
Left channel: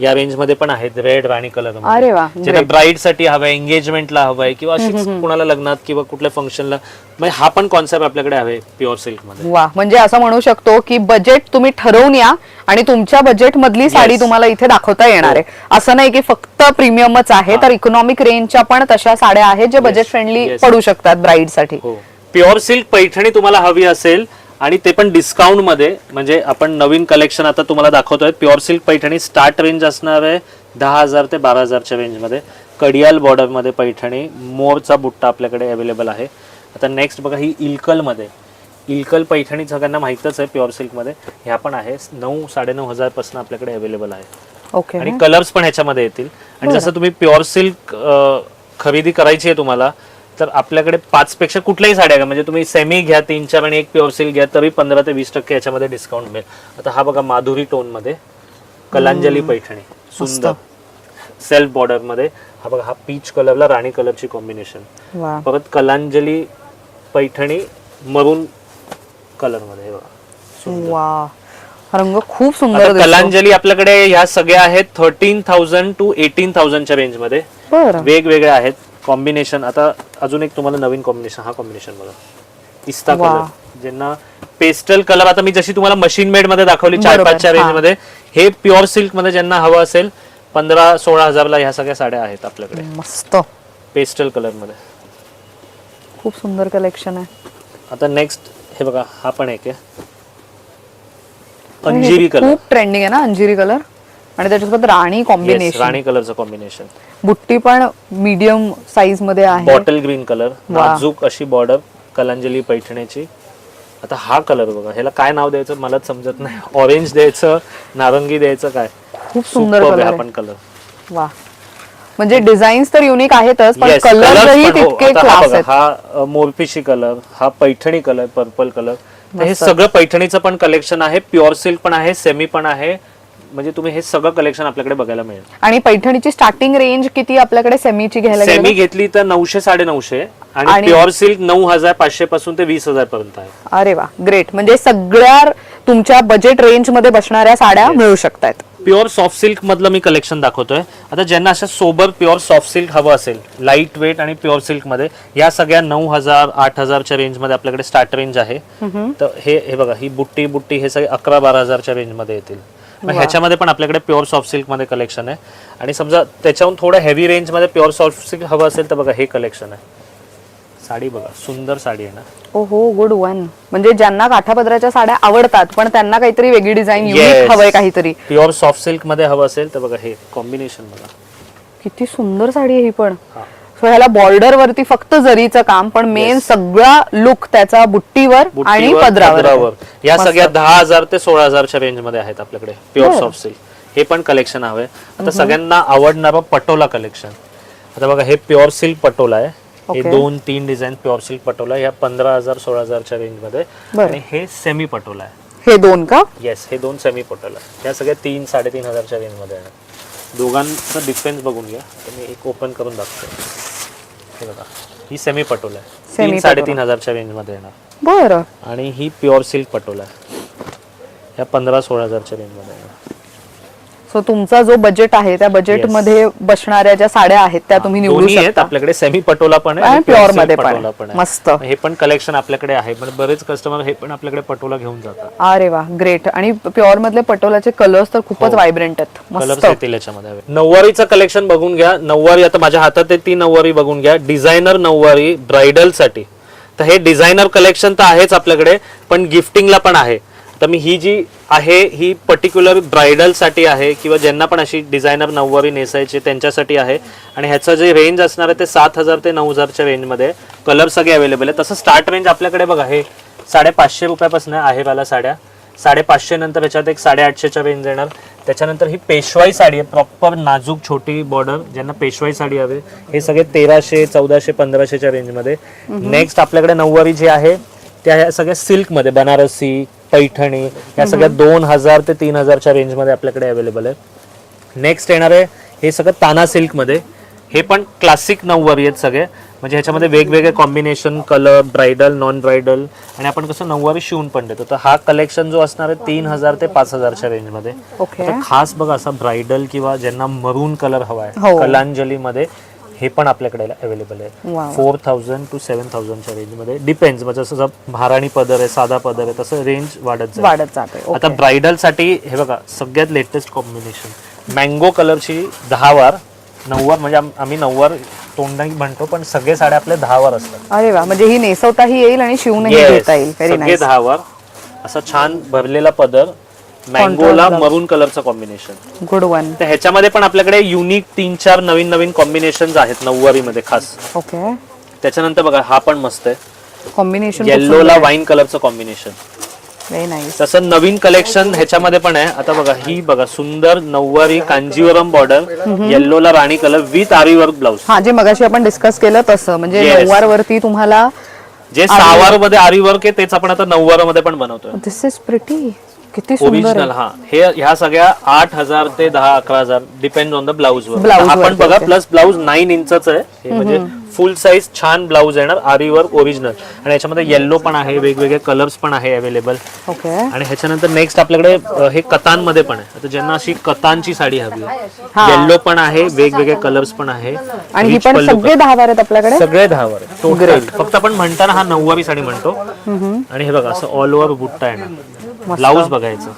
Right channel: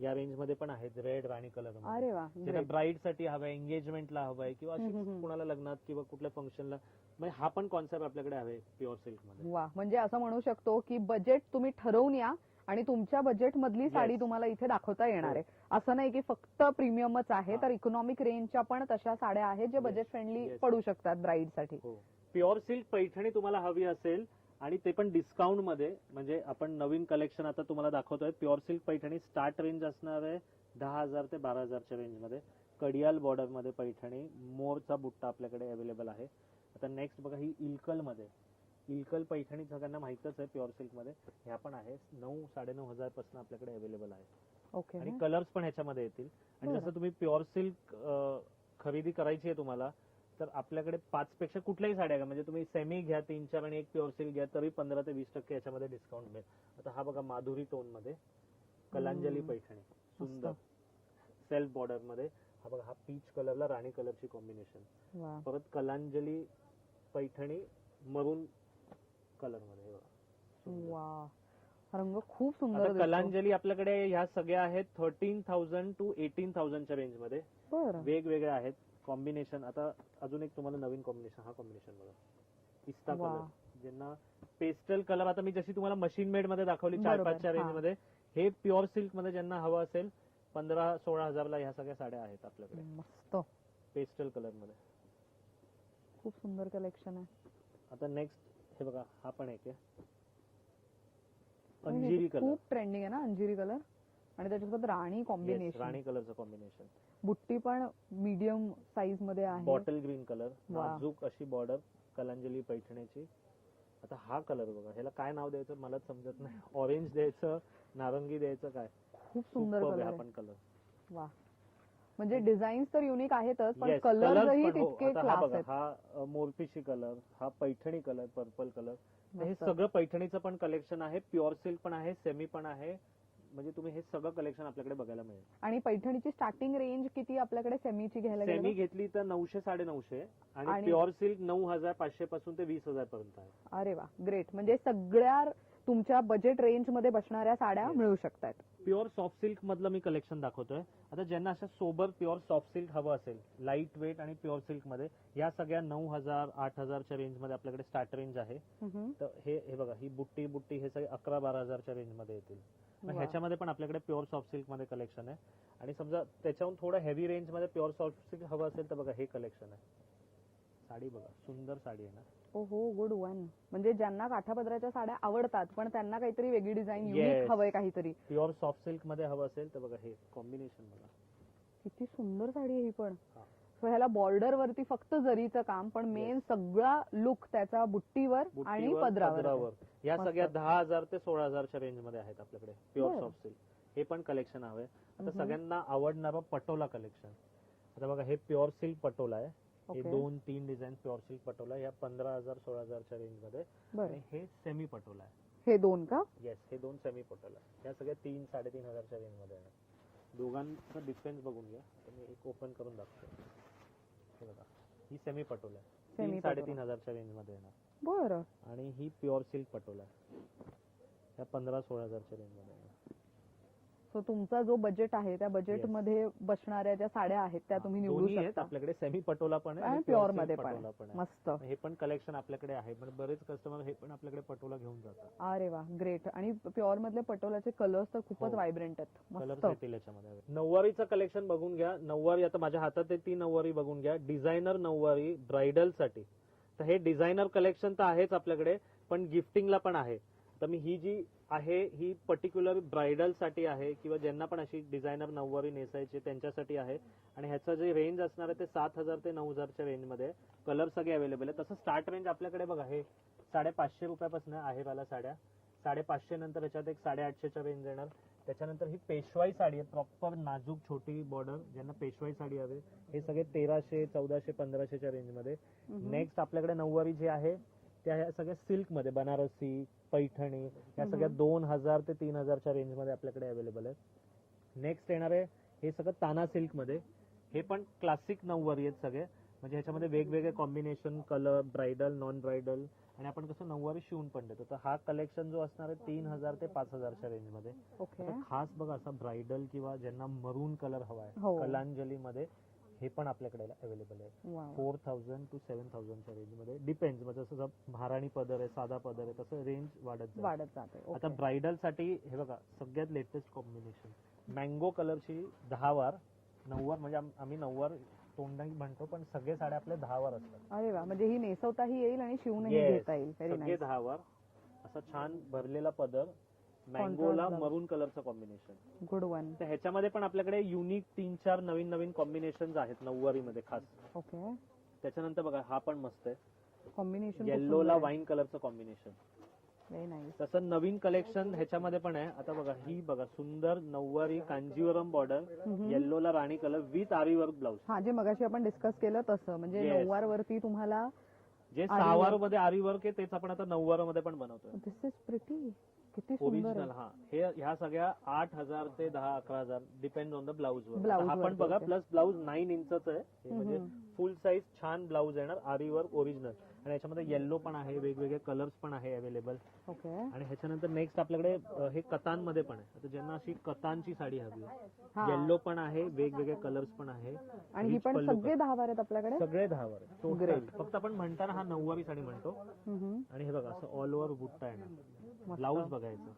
या रेंज मध्ये पण आहेत. रेड, राणी कलर. अरे वा, ज्यांना ब्राईड साठी हवंय, एंगेजमेंटला हवंय किंवा अशीच कुणाला लग्नात किंवा कुठल्या फंक्शनला, म्हणजे हा पण कॉन्सेप्ट आपल्याकडे आहे प्युअर सिल्क मध्ये. वा, म्हणजे असं म्हणू शकतो की बजेट तुम्ही ठरवून या आणि तुमच्या बजेट मधली साडी तुम्हाला इथे दाखवता येणार आहे. असं नाही की फक्त प्रीमियमच आहे, तर इकॉनॉमिक रेंजच्या पण तशा साड्या आहेत जे बजेट फ्रेंडली Yes. पडू शकतात ब्राईड साठी. हो. प्युअर सिल्क पैठणी तुम्हाला हवी असेल आणि ते पण डिस्काउंट मध्ये, म्हणजे आपण नवीन कलेक्शन आता तुम्हाला दाखवतोय. Pure silk Paithani start range असणार आहे 10,000 ते 12,000च्या रेंज मध्ये. कडियाल बॉर्डर मध्ये पैठणी, मोरचा बुट्टा आपल्याकडे अवेलेबल आहे. आता नेक्स्ट बघा, ही इलकल मध्ये. इलकल पैठणी सगळ्यांना माहितच आहे प्युअर सिल्क मध्ये. ह्या पण आहे 9-9.5 हजार पासून आपल्याकडे अवेलेबल आहे. ओके. आणि कलर्स पण ह्याच्यामध्ये येतील. आणि जसं तुम्ही प्युअर सिल्क खरेदी करायची आहे तुम्हाला, तर आपल्याकडे 5 पेक्षा कुठल्याही साड्या घ्या, म्हणजे तुम्ही सेमी घ्या 3-4 आणि एक प्युअर सिल्क घ्या तरी 15 ते 20% याच्यामध्ये डिस्काउंट मिळेल. आता हा बघा माधुरी टोन मध्ये कलांजली पैठणी, सुंदर सेल्फ बॉर्डर मध्ये. हा बघा हा पीच कलरला राणी कलरची कॉम्बिनेशन. वा परत कलांजली पैठणी मरून कलर मध्ये. हे बघा वा हा रंग खूप सुंदर आता दिसतो. कलांजली आपल्याकडे ह्या सगळ्या आहेत 13,000 to 18,000 च्या रेंज मध्ये. बरं वेगवेगळे आहेत कॉम्बिनेशन. आता अजून एक तुम्हाला नवीन कॉम्बिनेशन, हा कॉम्बिनेशन बघा पिस्ता कलर, ज्यांना पेस्टल कलर, आता मी जशी तुम्हाला मशीन मेड मध्ये दाखवली 4-5च्या रेंज मध्ये, हे प्युअर सिल्क मध्ये ज्यांना हवं असेल 15-16 हजारला ह्या सगळ्या साड्या आहेत आपल्याकडे मस्त पेस्टल कलर मध्ये. खूप सुंदर कलेक्शन आहे. आता नेक्स्ट हे बघा हा पण एक आहे अंजिरी कलर. खूप ट्रेंडिंग आहे ना अंजिरी कलर, आणि त्याच्यासोबत राणी कॉम्बिनेशन. राणी कलरचं कॉम्बिनेशन. बुट्टी पण मीडियम साईज मध्ये आहे. बॉटल ग्रीन कलर, नाजूक अशी बॉर्डर कलांजली पैठणीची. आता हा कलर बघा, ह्याला काय नाव द्यायचं मलाच समजत नाही. ऑरेंज द्यायचं, नारंगी द्यायचं, काय खूप सुंदर कलर हा आहे. पण कलर. वा म्हणजे डिझाईन्स तर युनिक आहेतच, पण Yes, कलर colours ही पण हो. तितके आता हा क्लास बघा, आहेत. हा मोरपिशी कलर, हा पैठणी कलर, पर्पल कलर. हे सगळं पैठणीचं पण कलेक्शन आहे, प्युअर सिल्क पण आहे, सेमी पण आहे. म्हणजे तुम्ही हे सगळं कलेक्शन आपल्याकडे बघायला मिळेल. आणि पैठणीची स्टार्टिंग रेंज किती आपल्याकडे सेमीची घ्यायला गेलं? सेमी घेतली तर 900-950 आणि प्युअर सिल्क 9,500 पासून ते 20,000 पर्यंत आहे. अरे वा ग्रेट. म्हणजे सगळ्या तुमच्या बजेट रेंज मध्ये बसणाऱ्या साड्या मिळू शकतात. प्युअर सॉफ्ट सिल्क मधलं मी कलेक्शन दाखवतोय. आता ज्यांना अशा सोबर प्युअर सॉफ्ट सिल्क हवं असेल, लाईट वेट आणि प्युअर सिल्क मध्ये, या सगळ्या 9,000-8,000च्या रेंज मध्ये आपल्याकडे स्टार्ट रेंज आहे. तर हे बघा, ही बुट्टी हे सगळे 11-12,000च्या रेंज मध्ये येतील. ह्याच्यामध्ये पण आपल्याकडे प्युअर सॉफ्ट सिल्क मध्ये कलेक्शन आहे. आणि समजा त्याच्याहून थोडं हेवी रेंज मध्ये प्युअर सॉफ्ट सिल्क हवं असेल तर बघा हे कलेक्शन आहे. साडी बघा, सुंदर साडी आहे ना. ओहो गुड वन. म्हणजे ज्यांना काठापदराच्या साड्या आवडतात पण त्यांना काहीतरी वेगळी डिझाईन युनिक हवंय काहीतरी, प्युअर सॉफ्ट सिल्क मध्ये हवं असेल तर बघा हे कॉम्बिनेशन बघा. किती सुंदर साडी आहे ही पण. सो ह्याला बॉर्डर वरती फक्त जरीचं काम, पण मेन सगळा लुक त्याचा बुट्टीवर आणि पदरावर. या सगळ्या 10,000 ते 16,000च्या रेंज मध्ये आहेत आपल्याकडे प्युअर सॉफ्ट सिल्क. हे पण कलेक्शन हवंय. आता सगळ्यांना आवडणारं पटोला कलेक्शन. आता बघा हे प्युअर सिल्क पटोला आहे. हे 2-3 डिझाईन प्युअर सिल्क पटोला या 15,000-16,000च्या रेंज मध्ये. आणि हे सेमी पटोला आहे. हे दोन का? येस, हे 2 सेमी पटोला. या सगळ्या 3-3.5 हजारच्या रेंज मध्ये आहे. दोघांचा डिफरन्स बघून घ्या. मी एक ओपन करून दाखवतो. हे बघा, ही सेमी पटोला आहे, 3-3.5 हजारच्या रेंज मध्ये येणार. बरं. आणि ही प्युअर सिल्क पटोला आहे, या 15-16 हजारच्या रेंज मध्ये येणार. सो तुमचा जो बजेट आहे त्या बजेट मध्ये बसणाऱ्या ज्या साड्या आहेत त्या तुम्ही निवडू दोन्ही आहेत शकता. आपल्याकडे, सेमी पटोला पण आहे आणि आणि प्युअर प्युअर मध्ये पटोला पण पण आहे. मस्त. हे पण कलेक्शन आपल्याकडे आहे. पण बरेच कस्टमर हे पण आपल्याकडे पटोला घेऊन जातात. अरे वा ग्रेट. आणि प्युअर मधले पटोलाचे कलर्स तर खूपच व्हायब्रंट आहेत. कलर्स मस्त. येतील याच्यामध्ये. नऊवारीचं कलेक्शन बघून घ्या. नऊवारी आता माझ्या हातात आहे ती नऊवारी बघून घ्या. डिझायनर नऊवारी ब्राइडल साठी. तर हे डिझायनर कलेक्शन तर आहेच आपल्याकडे, पण गिफ्टिंगला पण आहे. तर मी ही जी आहे ही पर्टिक्युलर ब्राइडल साठी आहे, किंवा ज्यांना पण अशी डिझायनर नऊवारी नेसायची त्यांच्यासाठी आहे. आणि ह्याचं जे रेंज असणार आहे ते 7,000 ते 9,000च्या रेंज मध्ये. कलर सगळे अवेलेबल आहे. तसं स्टार्ट रेंज आपल्याकडे बघा हे 550 रुपयापासून आहे वाला साड्या. 550 नंतर ह्याच्यात एक 850च्या रेंज येणार. त्याच्यानंतर ही पेशवाई साडी आहे, प्रॉपर नाजूक छोटी बॉर्डर. ज्यांना पेशवाई साडी हवी हे सगळे 1300, 1400, 1500च्या रेंज मध्ये. नेक्स्ट आपल्याकडे नऊवारी जी आहे त्या सगळ्या सिल्क मध्ये, बनारसी, पैठणी, या सगळ्या 2,000 ते 3,000च्या रेंज मध्ये आपल्याकडे अवेलेबल आहे. नेक्स्ट येणार आहे हे सगळं ताना सिल्क मध्ये. हे पण क्लासिक नऊवारी आहेत सगळे. म्हणजे ह्याच्यामध्ये वेगवेगळे combination, colour, bridal, non bridal. आणि आपण कसं नऊवारी शिवून पण देतो. तर हा कलेक्शन जो असणार आहे 3,000 ते 5,000च्या रेंज मध्ये. ओके. खास बघा असा ब्राइडल किंवा ज्यांना मरून कलर हवा आहे हो. कलांजली मध्ये, हे पण आपल्याकडे अवेलेबल आहे. 4,000 to 7,000च्या रेंज मध्ये. डिपेंड्स, म्हणजे जसं महाराणी पदर आहे, साधा पदर आहे, तसं रेंज वाढत जाते. आता ब्राइडल साठी हे बघा सगळ्यात लेटेस्ट कॉम्बिनेशन, मँगो कलरची 10 वार नऊवार. म्हणजे आम्ही नऊवार तोंडाही म्हणतो, पण सगळे साड्या आपल्या 10 वार असतात. अरे वा. म्हणजे ही नेसवताही येईल आणि शिवूनही घेता येईल. सगळे 10 वार. असा छान भरलेला पदर, मँगोला मरून कलरचं कॉम्बिनेशन. Good one. तर ह्याच्यामध्ये पण आपल्याकडे युनिक 3-4 नवीन कॉम्बिनेशन आहेत नऊवारी मध्ये खास. ओके. त्याच्यानंतर बघा हा पण मस्त आहे, कॉम्बिनेशन येल्लोला वाईन कलरचं कॉम्बिनेशन. Very nice. तसं नवीन कलेक्शन ह्याच्यामध्ये पण आहे. आता बघा ही बघा सुंदर नऊवारी कांजीवरम बॉर्डर, येल्लोला राणी colour with aari work blouse. हा, जे मगाशी आपण डिस्कस केलं तसं, म्हणजे Yes. नऊवार वरती तुम्हाला जे सहावार मध्ये आरी वर्क आहे तेच आपण आता नऊवार मध्ये पण बनवतोय. दिस इज प्रिटी. किती सुंदर ओरिजिनल. हा, हे ह्या सगळ्या 8,000 ते 10-11,000 डिपेंड ऑन द ब्लाउज वर. Blouse आपण वर, बघा okay. प्लस ब्लाउज 9 इंचच आहे हे, म्हणजे फुल साईज छान ब्लाउज येणार आरी वर्क ओरिजिनल. आणि याच्यामध्ये येल्लो पण आहे, वेगवेगळे कलर्स पण आहे अवेलेबल. ओके. आणि ह्याच्यानंतर नेक्स्ट आपल्याकडे हे कतांमध्ये पण आहे. आता ज्यांना अशी कतांची साडी हवी, येल्लो पण आहे, वेगवेगळे कलर्स पण आहे. आणि ही Rich पण पल्लू सगळे 10 वार आहेत आपल्याकडे. सगळे 10 वर टोटल. फक्त आपण म्हणताना हा नऊवारी साडी म्हणतो. आणि हे बघा असं ऑल ओव्हर बुट्टा येणार. ब्लाउज बघायचं,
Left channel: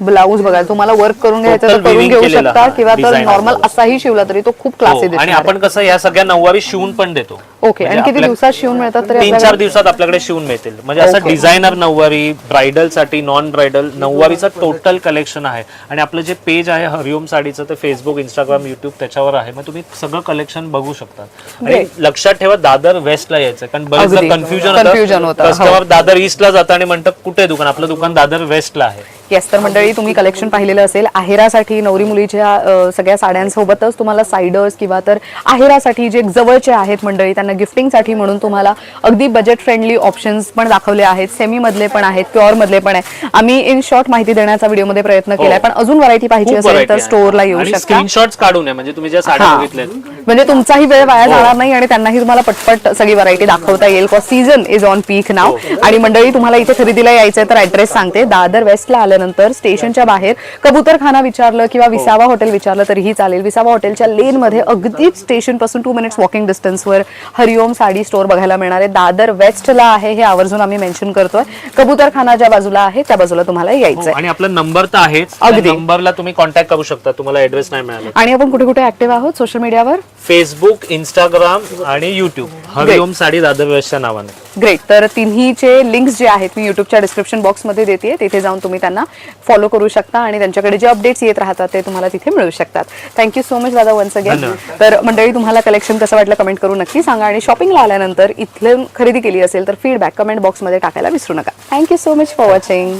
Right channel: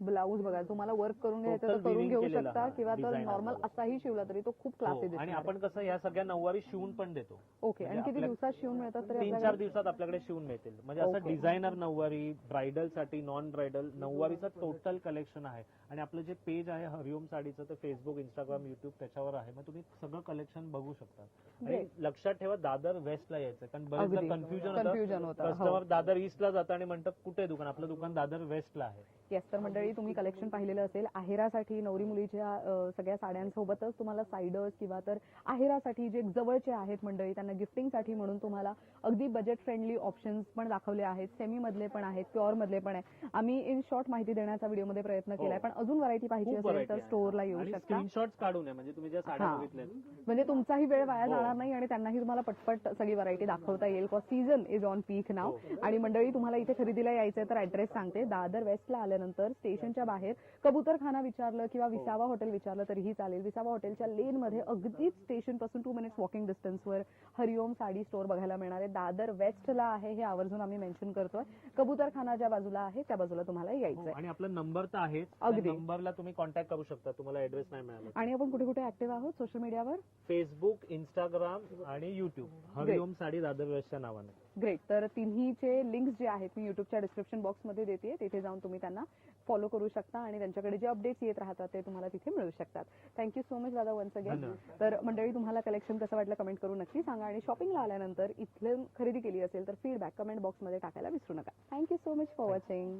ब्लाऊज बघा, तुम्हाला वर्क करून घ्यायचं तर Total करून weaving घेऊ केलेला शकता, हा किंवा तर design नॉर्मल आहे. असाही शिवला तरी तो खूप क्लासी हो, आणि दिसणार आपण कसं या सगळ्या नऊवारी शिवून पण देतो. ओके. आणि किती दिवसात शिवून मिळतात तरी 3-4 दिवसात आपल्याकडे शिवून मिळतील. म्हणजे असं डिझायनर नऊवारी, ब्रायडल साठी, नॉन ब्रायडल नऊवारीचं टोटल कलेक्शन आहे. आणि आपलं जे पेज आहे हरिओम साडीचं, ते फेसबुक, इंस्टाग्राम, युट्यूब त्याच्यावर आहे. मग तुम्ही सगळं कलेक्शन बघू शकता. आणि लक्षात ठेवा दादर वेस्टला यायचं, कारण बरेचदा अगदी. कन्फ्युजन Confusion होतं. कस्टमर दादर ईस्टला जातं आणि म्हणतात कुठे दुकान, आपलं दुकान दादर वेस्टला आहे. येस. तर मंडळी, तुम्ही कलेक्शन पाहिलेलं असेल. आहेरासाठी नवरी मुलीच्या सगळ्या साड्यांसोबतच तुम्हाला सायडर्स किंवा तर आहेरासाठी जे जवळचे आहेत मंडळी, त्यांना गिफ्टिंगसाठी म्हणून तुम्हाला अगदी बजेट फ्रेंडली ऑप्शन्स पण दाखवले आहेत. सेमी मधले पण आहेत, प्युअर मधले पण आहे. आम्ही इन शॉर्ट माहिती देण्याचा व्हिडिओमध्ये प्रयत्न केलाय, पण अजून व्हरायटी पाहिजे असेल तर स्टोअरला येऊ शकता. स्क्रीनशॉट्स काढून आहे, म्हणजे तुम्ही ज्या साड्या बघितल्यात, म्हणजे तुमचाही वेळ वाया जाणार नाही आणि त्यांनाही तुम्हाला पटपट सगळी व्हरायटी दाखवता येईल. सीझन इज ऑन पीक नाव. आणि मंडळी, तुम्हाला इथे खरेदीला यायचंय तर ऍड्रेस सांगते. दादर वेस्टला आल्यानंतर स्टेशनच्या बाहेर कबूतरखाना विचारलं किंवा विसावा हॉटेल विचारलं तरीही चालेल. विसावा हॉटेलच्या लेन मध्ये अगदीच स्टेशन पासून 2 मिनिट्स वॉकिंग डिस्टन्सवर हरिओम साडी स्टोअर बघायला मिळणार आहे. दादर वेस्टला आहे, हे आवर्जून आम्ही मेन्शन करतोय. कबूतरखाना ज्या बाजूला आहे त्या बाजूला तुम्हाला यायचंय. आणि आपला नंबर तर आहेच, अगदी. नंबरला तुम्ही कॉन्टॅक्ट करू शकता. तुम्हाला ऍड्रेस नाही मिळाला. आणि आपण कुठे कुठे ऍक्टिव्ह आहोत सोशल मीडियावर? फेसबुक, इंस्टाग्राम आणि युट्यूब, हरिओम साडी दादर वेस्टच्या नावाने. ग्रेट. तर तिन्हीचे लिंक्स जे आहेत मी युट्यूबच्या डिस्क्रिप्शन बॉक्समध्ये देते, तिथे जाऊन तुम्ही त्यांना फॉलो करू शकता आणि त्यांच्याकडे जे अपडेट्स येत राहतात ते तुम्हाला तिथे मिळू शकतात. थँक्यू सो मच दादा वन्स अगेन. तर मंडळी, तुम्हाला कलेक्शन कसं वाटलं कमेंट करून नक्की सांगा. आणि शॉपिंगला आल्यानंतर इथले खरेदी केली असेल तर फीडबॅक कमेंट बॉक्समध्ये टाकायला विसरू नका. Thank you so much for watching.